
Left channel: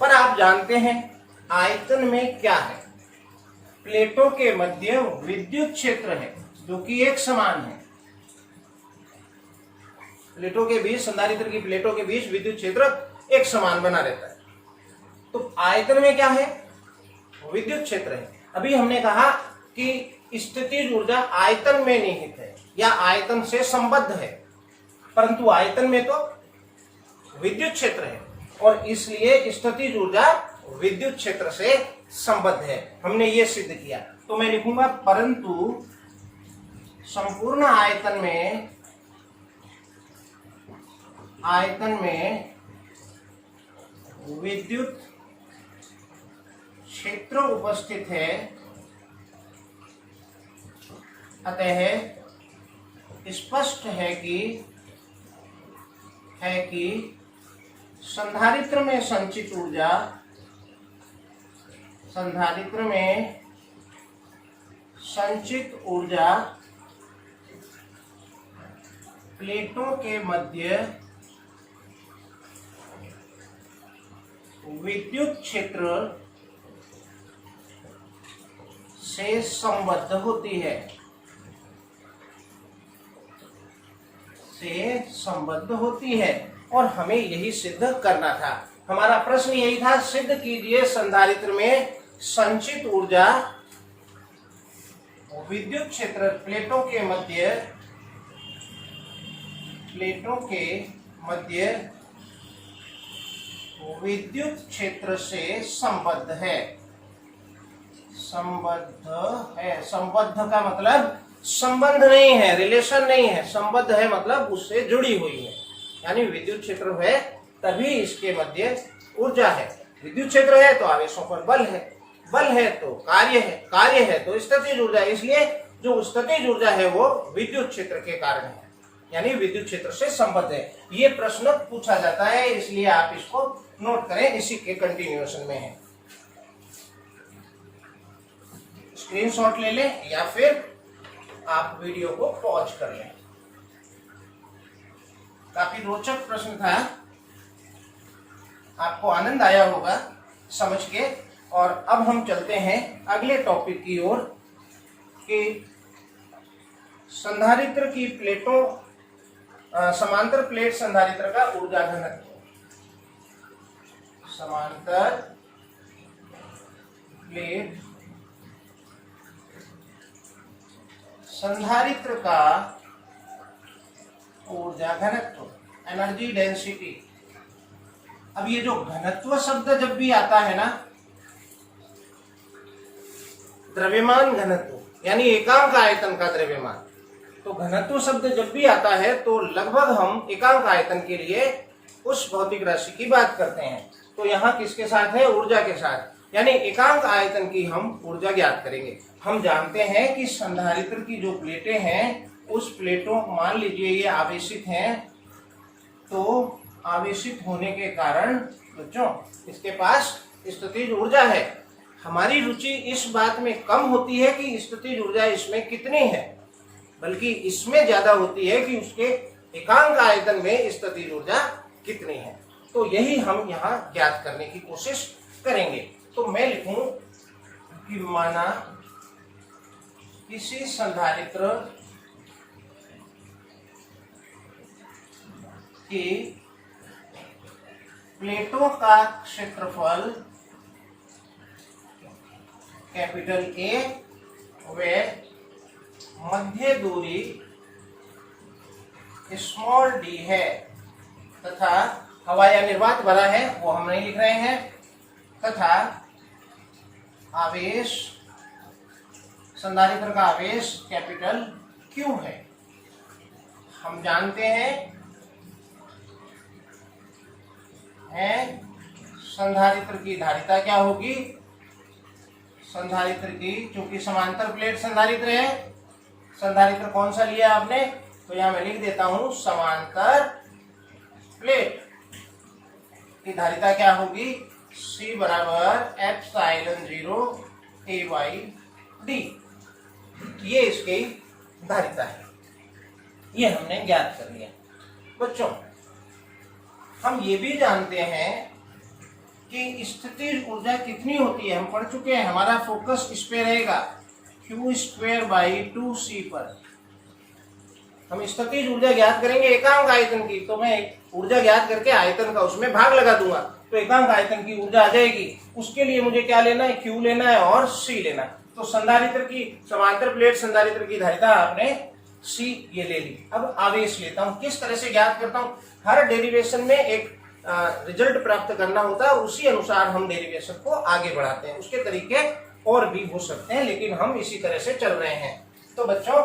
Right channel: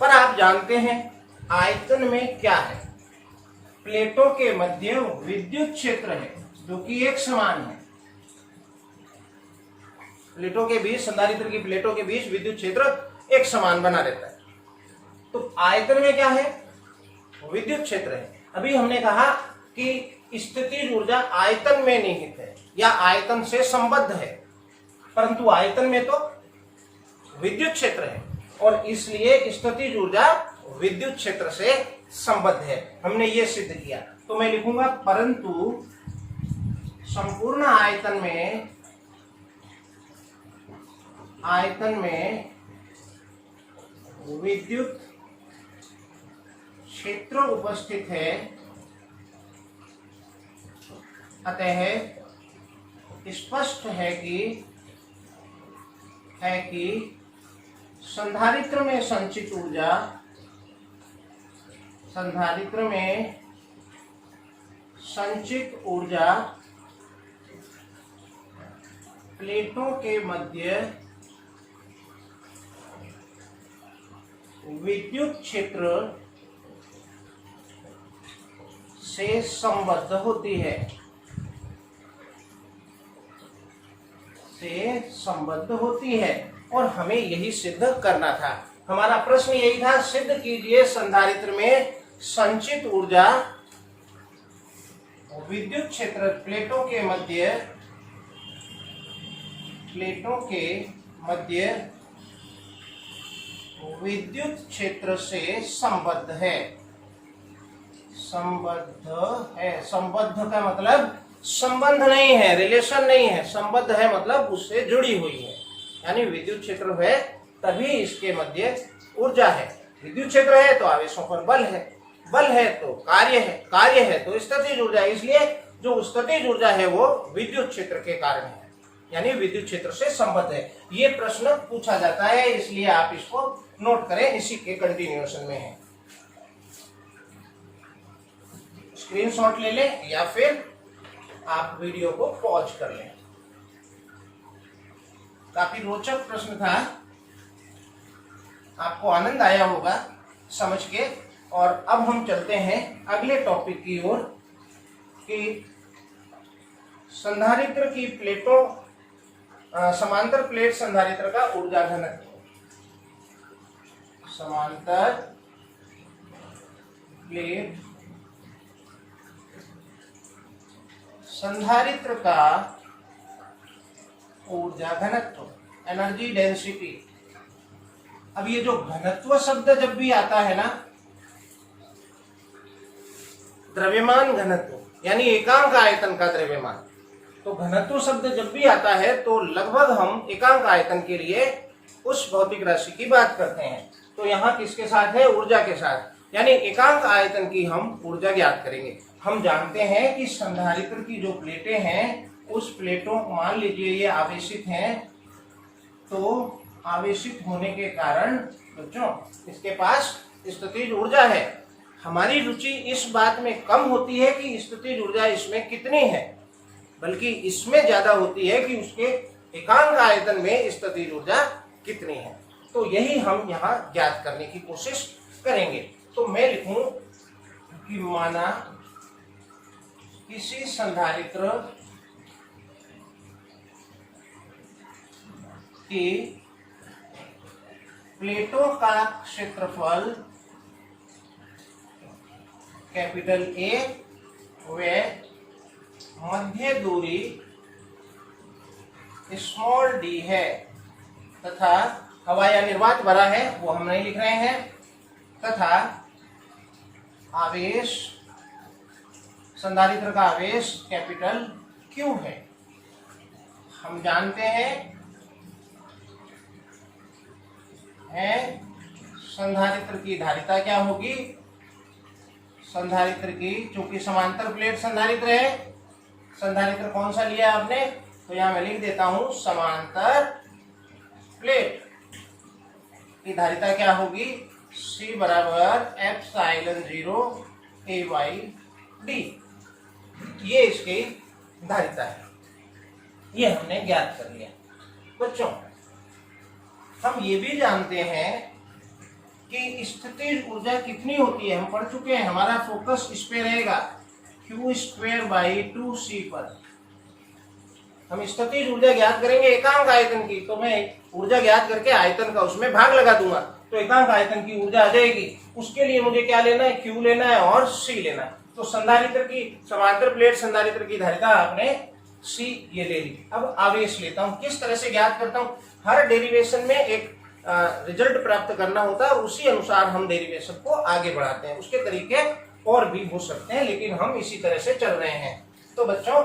पर आप जानते हैं आयतन में क्या है? प्लेटों के मध्य विद्युत क्षेत्र है जो कि एक समान है। प्लेटों के बीच, संधारित्र की प्लेटों के बीच विद्युत क्षेत्र एक समान बना रहता है। तो आयतन में क्या है? विद्युत क्षेत्र है। अभी हमने कहा कि स्थितिज ऊर्जा आयतन में निहित है या आयतन से संबद्ध है, परंतु आयतन में तो विद्युत क्षेत्र है और इसलिए स्थितिज ऊर्जा विद्युत क्षेत्र से संबद्ध है। हमने ये सिद्ध किया। तो मैं लिखूंगा परंतु संपूर्ण आयतन में विद्युत क्षेत्र उपस्थित है, अतः स्पष्ट है कि संधारित्र में संचित ऊर्जा, प्लेटों के मध्य विद्युत क्षेत्र से संबद्ध होती है और हमें यही सिद्ध करना था। हमारा प्रश्न यही था, सिद्ध कीजिए संधारित्र में संचित ऊर्जा विद्युत क्षेत्र प्लेटों के मध्य विद्युत क्षेत्र से संबद्ध है। संबद्ध का मतलब संबंध नहीं है, रिलेशन नहीं है। संबद्ध है मतलब उससे जुड़ी हुई है, यानी विद्युत क्षेत्र है तभी इसके मध्य ऊर्जा है। विद्युत क्षेत्र है तो आवेशों पर बल है, बल है तो कार्य है, कार्य है तो स्थितिज ऊर्जा। इसलिए जो स्थितिज ऊर्जा है वो विद्युत क्षेत्र के कारण है, यानी विद्युत क्षेत्र से संबद्ध है। ये प्रश्न पूछा जाता है, इसलिए आप इसको नोट करें, इसी के कंटिन्यूएशन में है। स्क्रीनशॉट ले लें या फिर आप वीडियो को पॉज कर लें। काफी रोचक प्रश्न था, आपको आनंद आया होगा समझ के। और अब हम चलते हैं अगले टॉपिक की ओर कि संधारित्र की प्लेटों, समांतर प्लेट संधारित्र का ऊर्जा घनत्व। समांतर प्लेट संधारित्र का ऊर्जा घनत्व, एनर्जी डेंसिटी। अब ये जो घनत्व शब्द जब भी आता है ना, द्रव्यमान घनत्व यानी एकांक आयतन का द्रव्यमान। तो घनत्व शब्द जब भी आता है तो लगभग हम एकांक आयतन के लिए उस भौतिक राशि की बात करते हैं। तो यहाँ किसके साथ है? ऊर्जा के साथ, यानी एकांक आयतन की हम ऊर्जा ज्ञात करेंगे। हम जानते हैं कि संधारित्र की जो प्लेटें हैं उस प्लेटों, मान लीजिए ये आवेशित हैं, तो आवेशित होने के कारण बच्चों इसके पास स्थितिज ऊर्जा है। हमारी रुचि इस बात में कम होती है कि स्थितिज ऊर्जा इसमें कितनी है, बल्कि इसमें ज्यादा होती है कि उसके एकांक आयतन में स्थितिज ऊर्जा कितनी है। तो यही हम यहाँ ज्ञात करने की कोशिश करेंगे। तो मैं लिखूं कि माना किसी संधारित्र की प्लेटों का क्षेत्रफल कैपिटल ए व मध्य दूरी स्मॉल डी है तथा हवा या निर्वात भरा है, वो हम नहीं लिख रहे हैं, तथा आवेश, संधारित्र का आवेश कैपिटल क्यू है। हम जानते हैं संधारित्र की धारिता क्या होगी? संधारित्र की, चूंकि समांतर प्लेट संधारित्र है, संधारित्र कौन सा लिया आपने? तो यहां मैं लिख देता हूं समांतर प्लेट की धारिता क्या होगी? C बराबर ε0 A/d। ये इसकी धारिता है, ये हमने ज्ञात कर लिया। बच्चों हम ये भी जानते हैं कि स्थितिज ऊर्जा कितनी होती है, हम पढ़ चुके हैं। हमारा फोकस इस पे रहेगा Q²/2C पर। हम स्थितिज ऊर्जा ज्ञात करेंगे एकांक आयतन की, तो मैं ऊर्जा ज्ञात करके आयतन का उसमें भाग लगा दूंगा तो एकांक आयतन की ऊर्जा आ जाएगी। उसके लिए मुझे क्या लेना है? Q लेना है और C लेना है। तो संधारित्र की, समांतर प्लेट संधारित्र की धारिता आपने C ये ले ली। अब आवेश लेता हूं, किस तरह से ज्ञात करता हूं? हर डेरिवेशन में एक रिजल्ट प्राप्त करना होता है, उसी अनुसार हम डेरिवेशन को आगे बढ़ाते हैं। उसके तरीके और भी हो सकते हैं, लेकिन हम इसी तरह से चल रहे हैं। तो बच्चों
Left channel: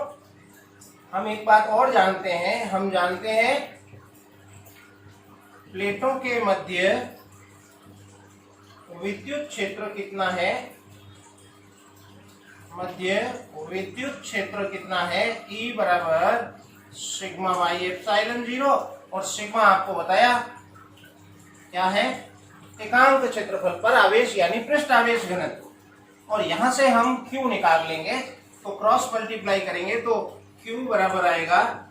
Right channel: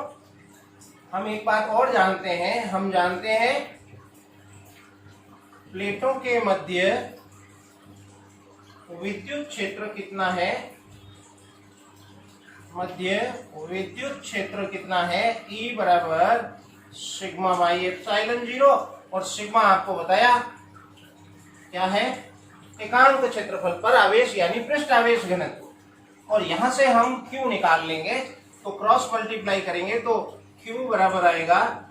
हम एक बात और जानते हैं, हम जानते हैं प्लेटों के मध्य विद्युत क्षेत्र कितना है? मध्य विद्युत क्षेत्र कितना है? E बराबर σ/ε0, और सिग्मा आपको बताया क्या है? एकांक क्षेत्रफल पर आवेश यानी पृष्ठ आवेश घनत्व। और यहां से हम Q निकाल लेंगे, तो क्रॉस मल्टीप्लाई करेंगे तो Q बराबर आएगा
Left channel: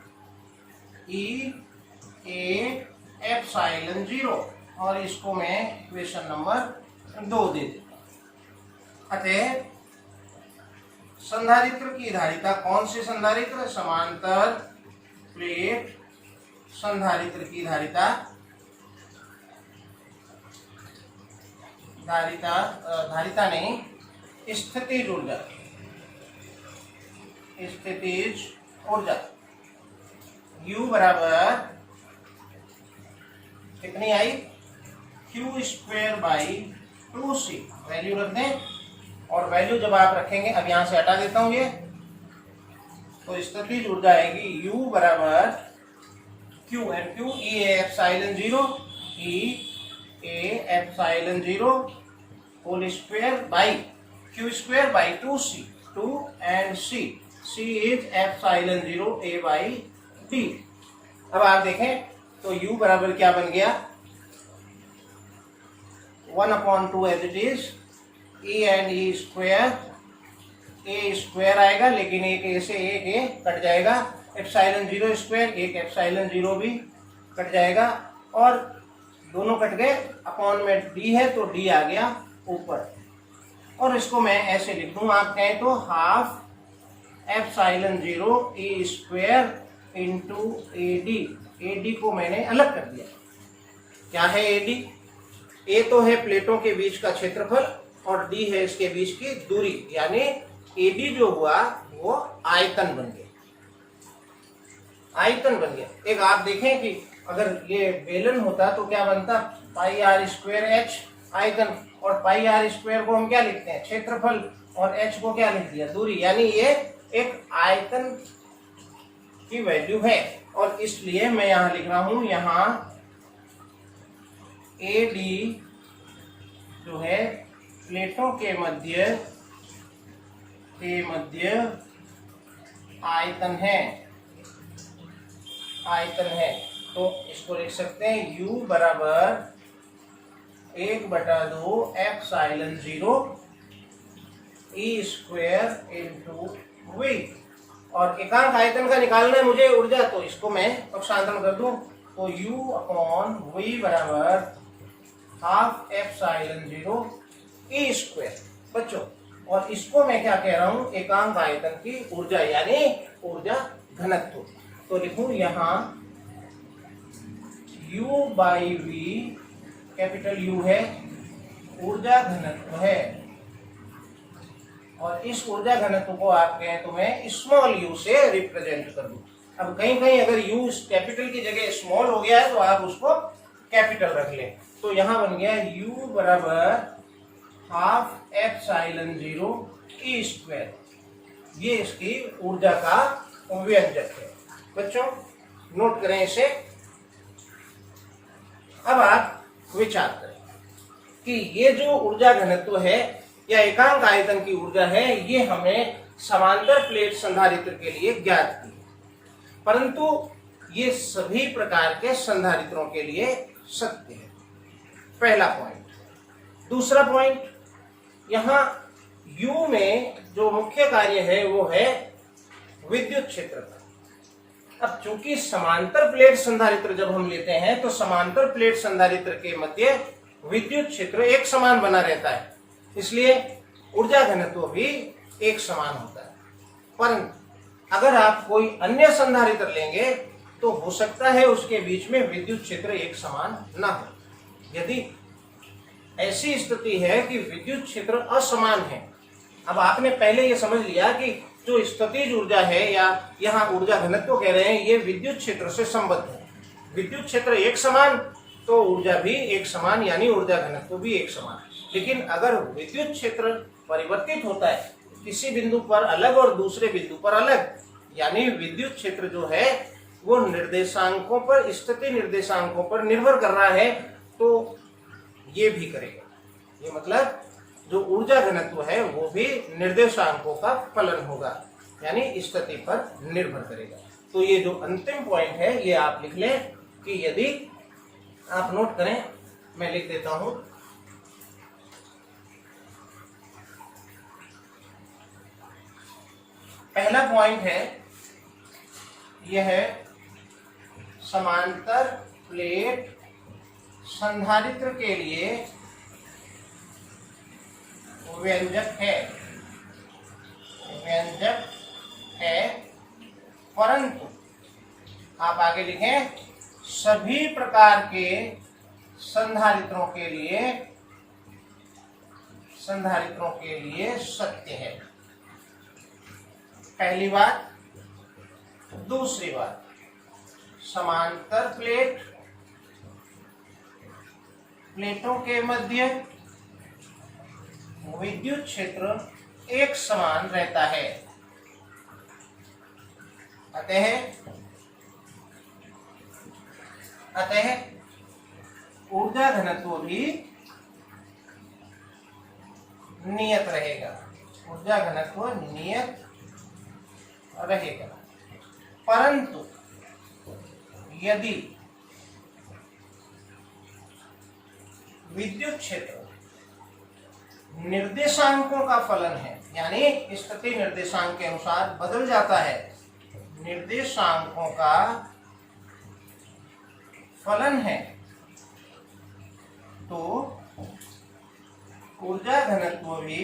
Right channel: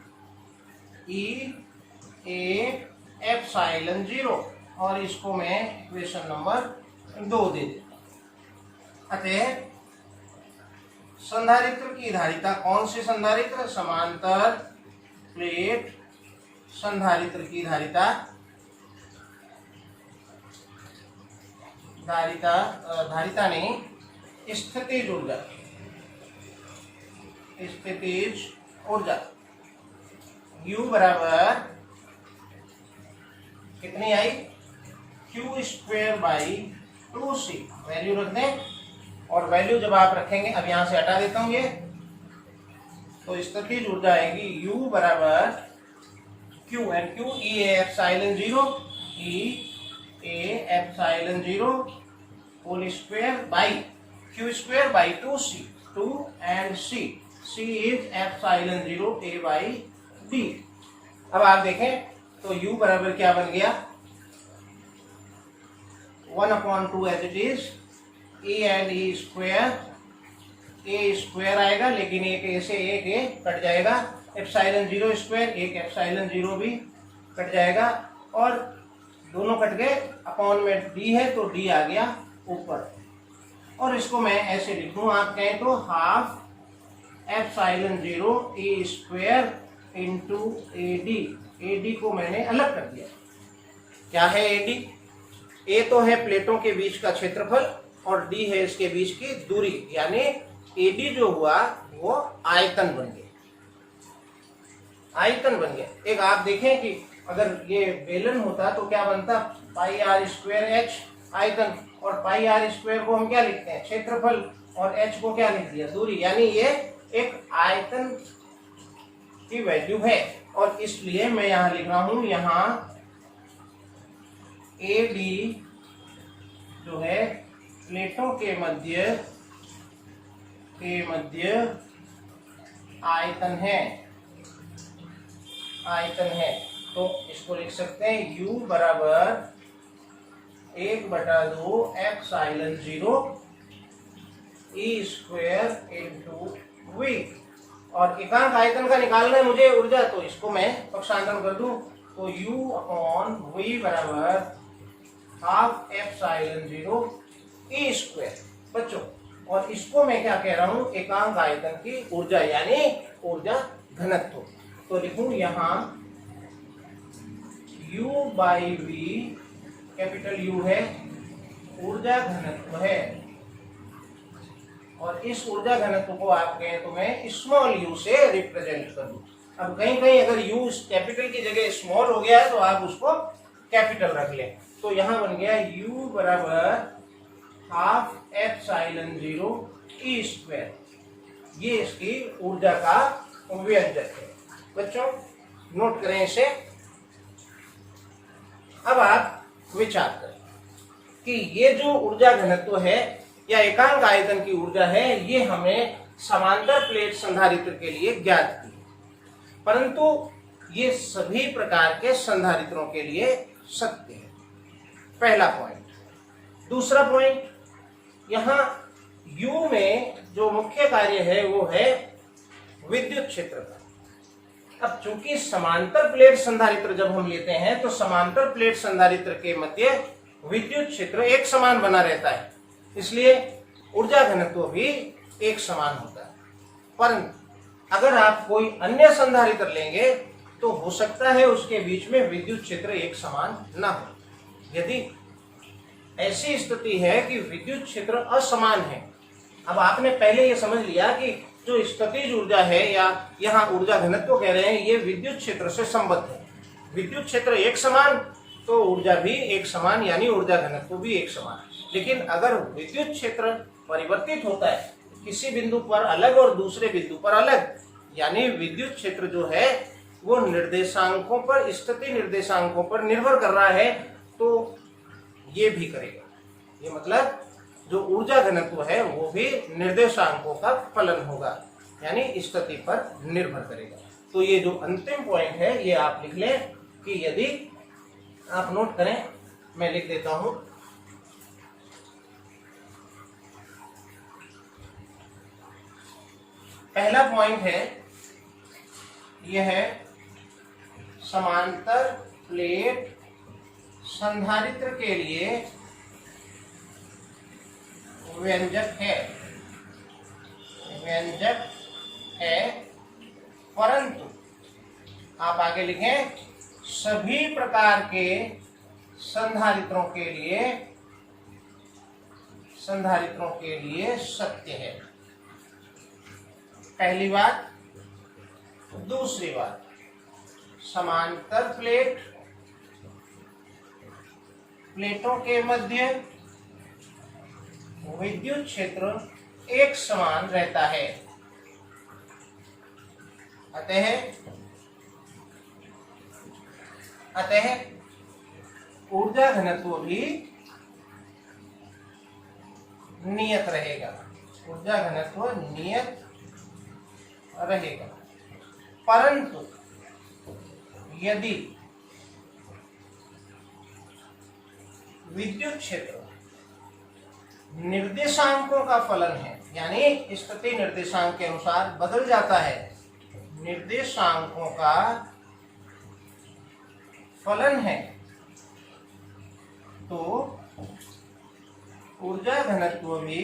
E/ε0, और इसको मैं इक्वेशन नंबर 2 दे देता। अतः संधारित्र की धारिता, कौन से संधारित्र? समांतर प्लेट संधारित्र की धारिता नहीं, स्थितिज ऊर्जा, स्थितिज ऊर्जा U बराबर कितनी आई? Q²/2C वैल्यू रख दें, और वैल्यू जब आप रखेंगे, अब यहां से हटा देता हूं ये, तो स्थितिज ऊर्जा आएगी U बराबर Q and Q E/ε0 whole square by Q²/2C, 2 and C is ε0 A/d। अब आप देखें तो U बराबर क्या बन गया? 1/2 as it is, E and E square, A square आएगा, लेकिन एक A से एक A कट जाएगा, ε0 स्क्वायर, एक ε0 भी कट जाएगा, और दोनों कट गए, अपॉन में D है तो D आ गया ऊपर। और इसको मैं ऐसे लिखूं, आप कहें तो ½ ε0 A square into AD। AD को मैंने अलग कर दिया। क्या है AD? A तो है प्लेटों के बीच का क्षेत्रफल, और D है इसके बीच की दूरी, यानी AD जो हुआ वो आयतन बन गया, आयतन बन गया। एक आप देखें कि अगर ये बेलन होता तो क्या बनता? πr² h, आयतन, और पाई आर स्क्वायर को हम क्या लिखते हैं, क्षेत्रफल, और h को क्या लिख दिया, दूरी। यानी ये एक आयतन की वैल्यू है, और इसलिए मैं यहां लिख रहा हूं, यहां AD जो है प्लेटों के मध्य आयतन है। तो इसको लिख सकते हैं U बराबर 1/2 epsilon 0 E square into V। और एकांक आयतन का निकालना है मुझे ऊर्जा, तो इसको मैं पक्षांतरण कर दूं, तो U अपॉन V बराबर हाफ एप्सिलॉन 0 E स्क्वायर। बच्चों, और इसको मैं क्या कह रहा हूं, एकांक आयतन की ऊर्जा यानी ऊर्जा घनत्व। तो लिखूं यहां U by V, capital U है, ऊर्जा घनत्व है, और इस ऊर्जा घनत्व को आप कहें तो मैं स्मॉल u से रिप्रेजेंट कर दूं। अब कहीं कहीं अगर u कैपिटल की जगह स्मॉल हो गया है तो आप उसको कैपिटल रख लें। तो यहां बन गया u बराबर हाफ एप्सिलॉन 0 E स्क्वायर। ये इसकी ऊर्जा का व्यंजक है। बच्चों, नोट करें इसे। अब आप विचार करें कि ये जो ऊर्जा घनत्व है या एकांक आयतन की ऊर्जा है, ये हमें समांतर प्लेट संधारित्र के लिए ज्ञात थी, परंतु ये सभी प्रकार के संधारित्रों के लिए सत्य है। पहला पॉइंट। दूसरा पॉइंट, यहां U में जो मुख्य कार्य है वो है विद्युत क्षेत्र का। अब चूंकि समांतर प्लेट संधारित्र जब हम लेते हैं तो समांतर प्लेट संधारित्र के मध्य विद्युत क्षेत्र एक समान बना रहता है, इसलिए ऊर्जा घनत्व भी एक समान होता है। परंतु अगर आप कोई अन्य संधारित्र लेंगे तो हो सकता है उसके बीच में विद्युत क्षेत्र एक समान न हो। यदि ऐसी स्थिति है कि विद्युत क्षेत्र असमान है, अब आपने पहले ये समझ लिया कि जो स्थितिज ऊर्जा है या यहाँ ऊर्जा घनत्व कह रहे हैं, ये विद्युत क्षेत्र से संबद्ध है। विद्युत क्षेत्र एक समान तो ऊर्जा भी एक समान, यानी ऊर्जा घनत्व भी एक समान। लेकिन अगर विद्युत क्षेत्र परिवर्तित होता है, किसी बिंदु पर अलग और दूसरे बिंदु पर अलग, यानी विद्युत क्षेत्र जो है वो निर्देशांकों पर, स्थिति निर्देशांकों पर निर्भर कर रहा है, तो ये भी करेगा। ये मतलब जो ऊर्जा घनत्व है वो भी निर्देशांकों का फलन होगा, यानी स्थिति पर निर्भर करेगा। तो ये जो अंतिम पॉइंट है ये आप लिख लें कि यदि आप नोट करें, मैं लिख देता हूं। पहला पॉइंट है यह है समांतर प्लेट संधारित्र के लिए व्यंजक है, परंतु आप आगे लिखें सभी प्रकार के संधारित्रों के लिए सत्य है। पहली बात। दूसरी बात, समांतर प्लेटों के मध्य विद्युत क्षेत्र एक समान रहता है, अतः ऊर्जा घनत्व भी नियत रहेगा। परंतु यदि विद्युत क्षेत्र निर्देशांकों का फलन है, यानी स्थिति निर्देशांक के अनुसार बदल जाता है, निर्देशांकों का फलन है, तो ऊर्जा घनत्व भी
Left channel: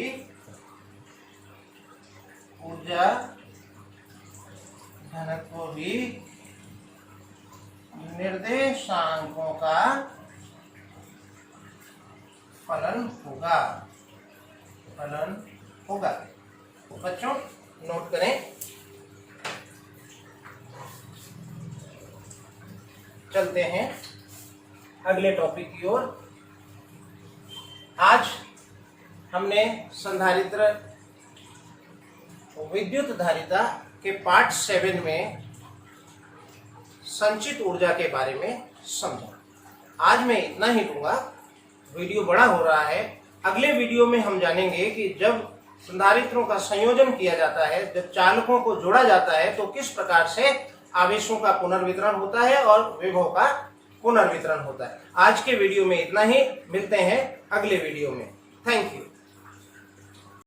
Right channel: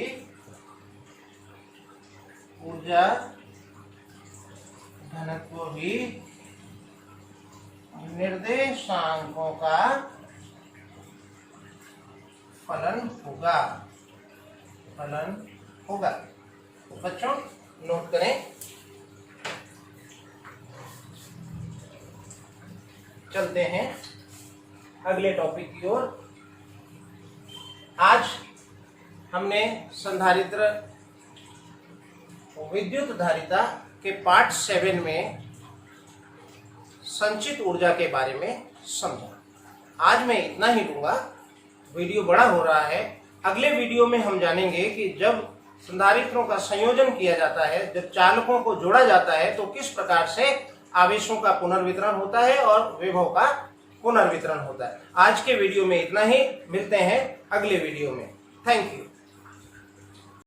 निर्देशांकों का फलन होगा। बच्चों, नोट करें। चलते हैं अगले टॉपिक की ओर। आज हमने संधारित्र विद्युत धारिता के पार्ट 7 में संचित ऊर्जा के बारे में समझा। आज मैं इतना ही दूंगा, वीडियो बड़ा हो रहा है। अगले वीडियो में हम जानेंगे कि जब संधारित्रों का संयोजन किया जाता है, जब चालकों को जोड़ा जाता है, तो किस प्रकार से आवेशों का पुनर्वितरण होता है और विभव का पुनर्वितरण होता है। आज के वीडियो में इतना ही, मिलते हैं अगले वीडियो में। Thank you.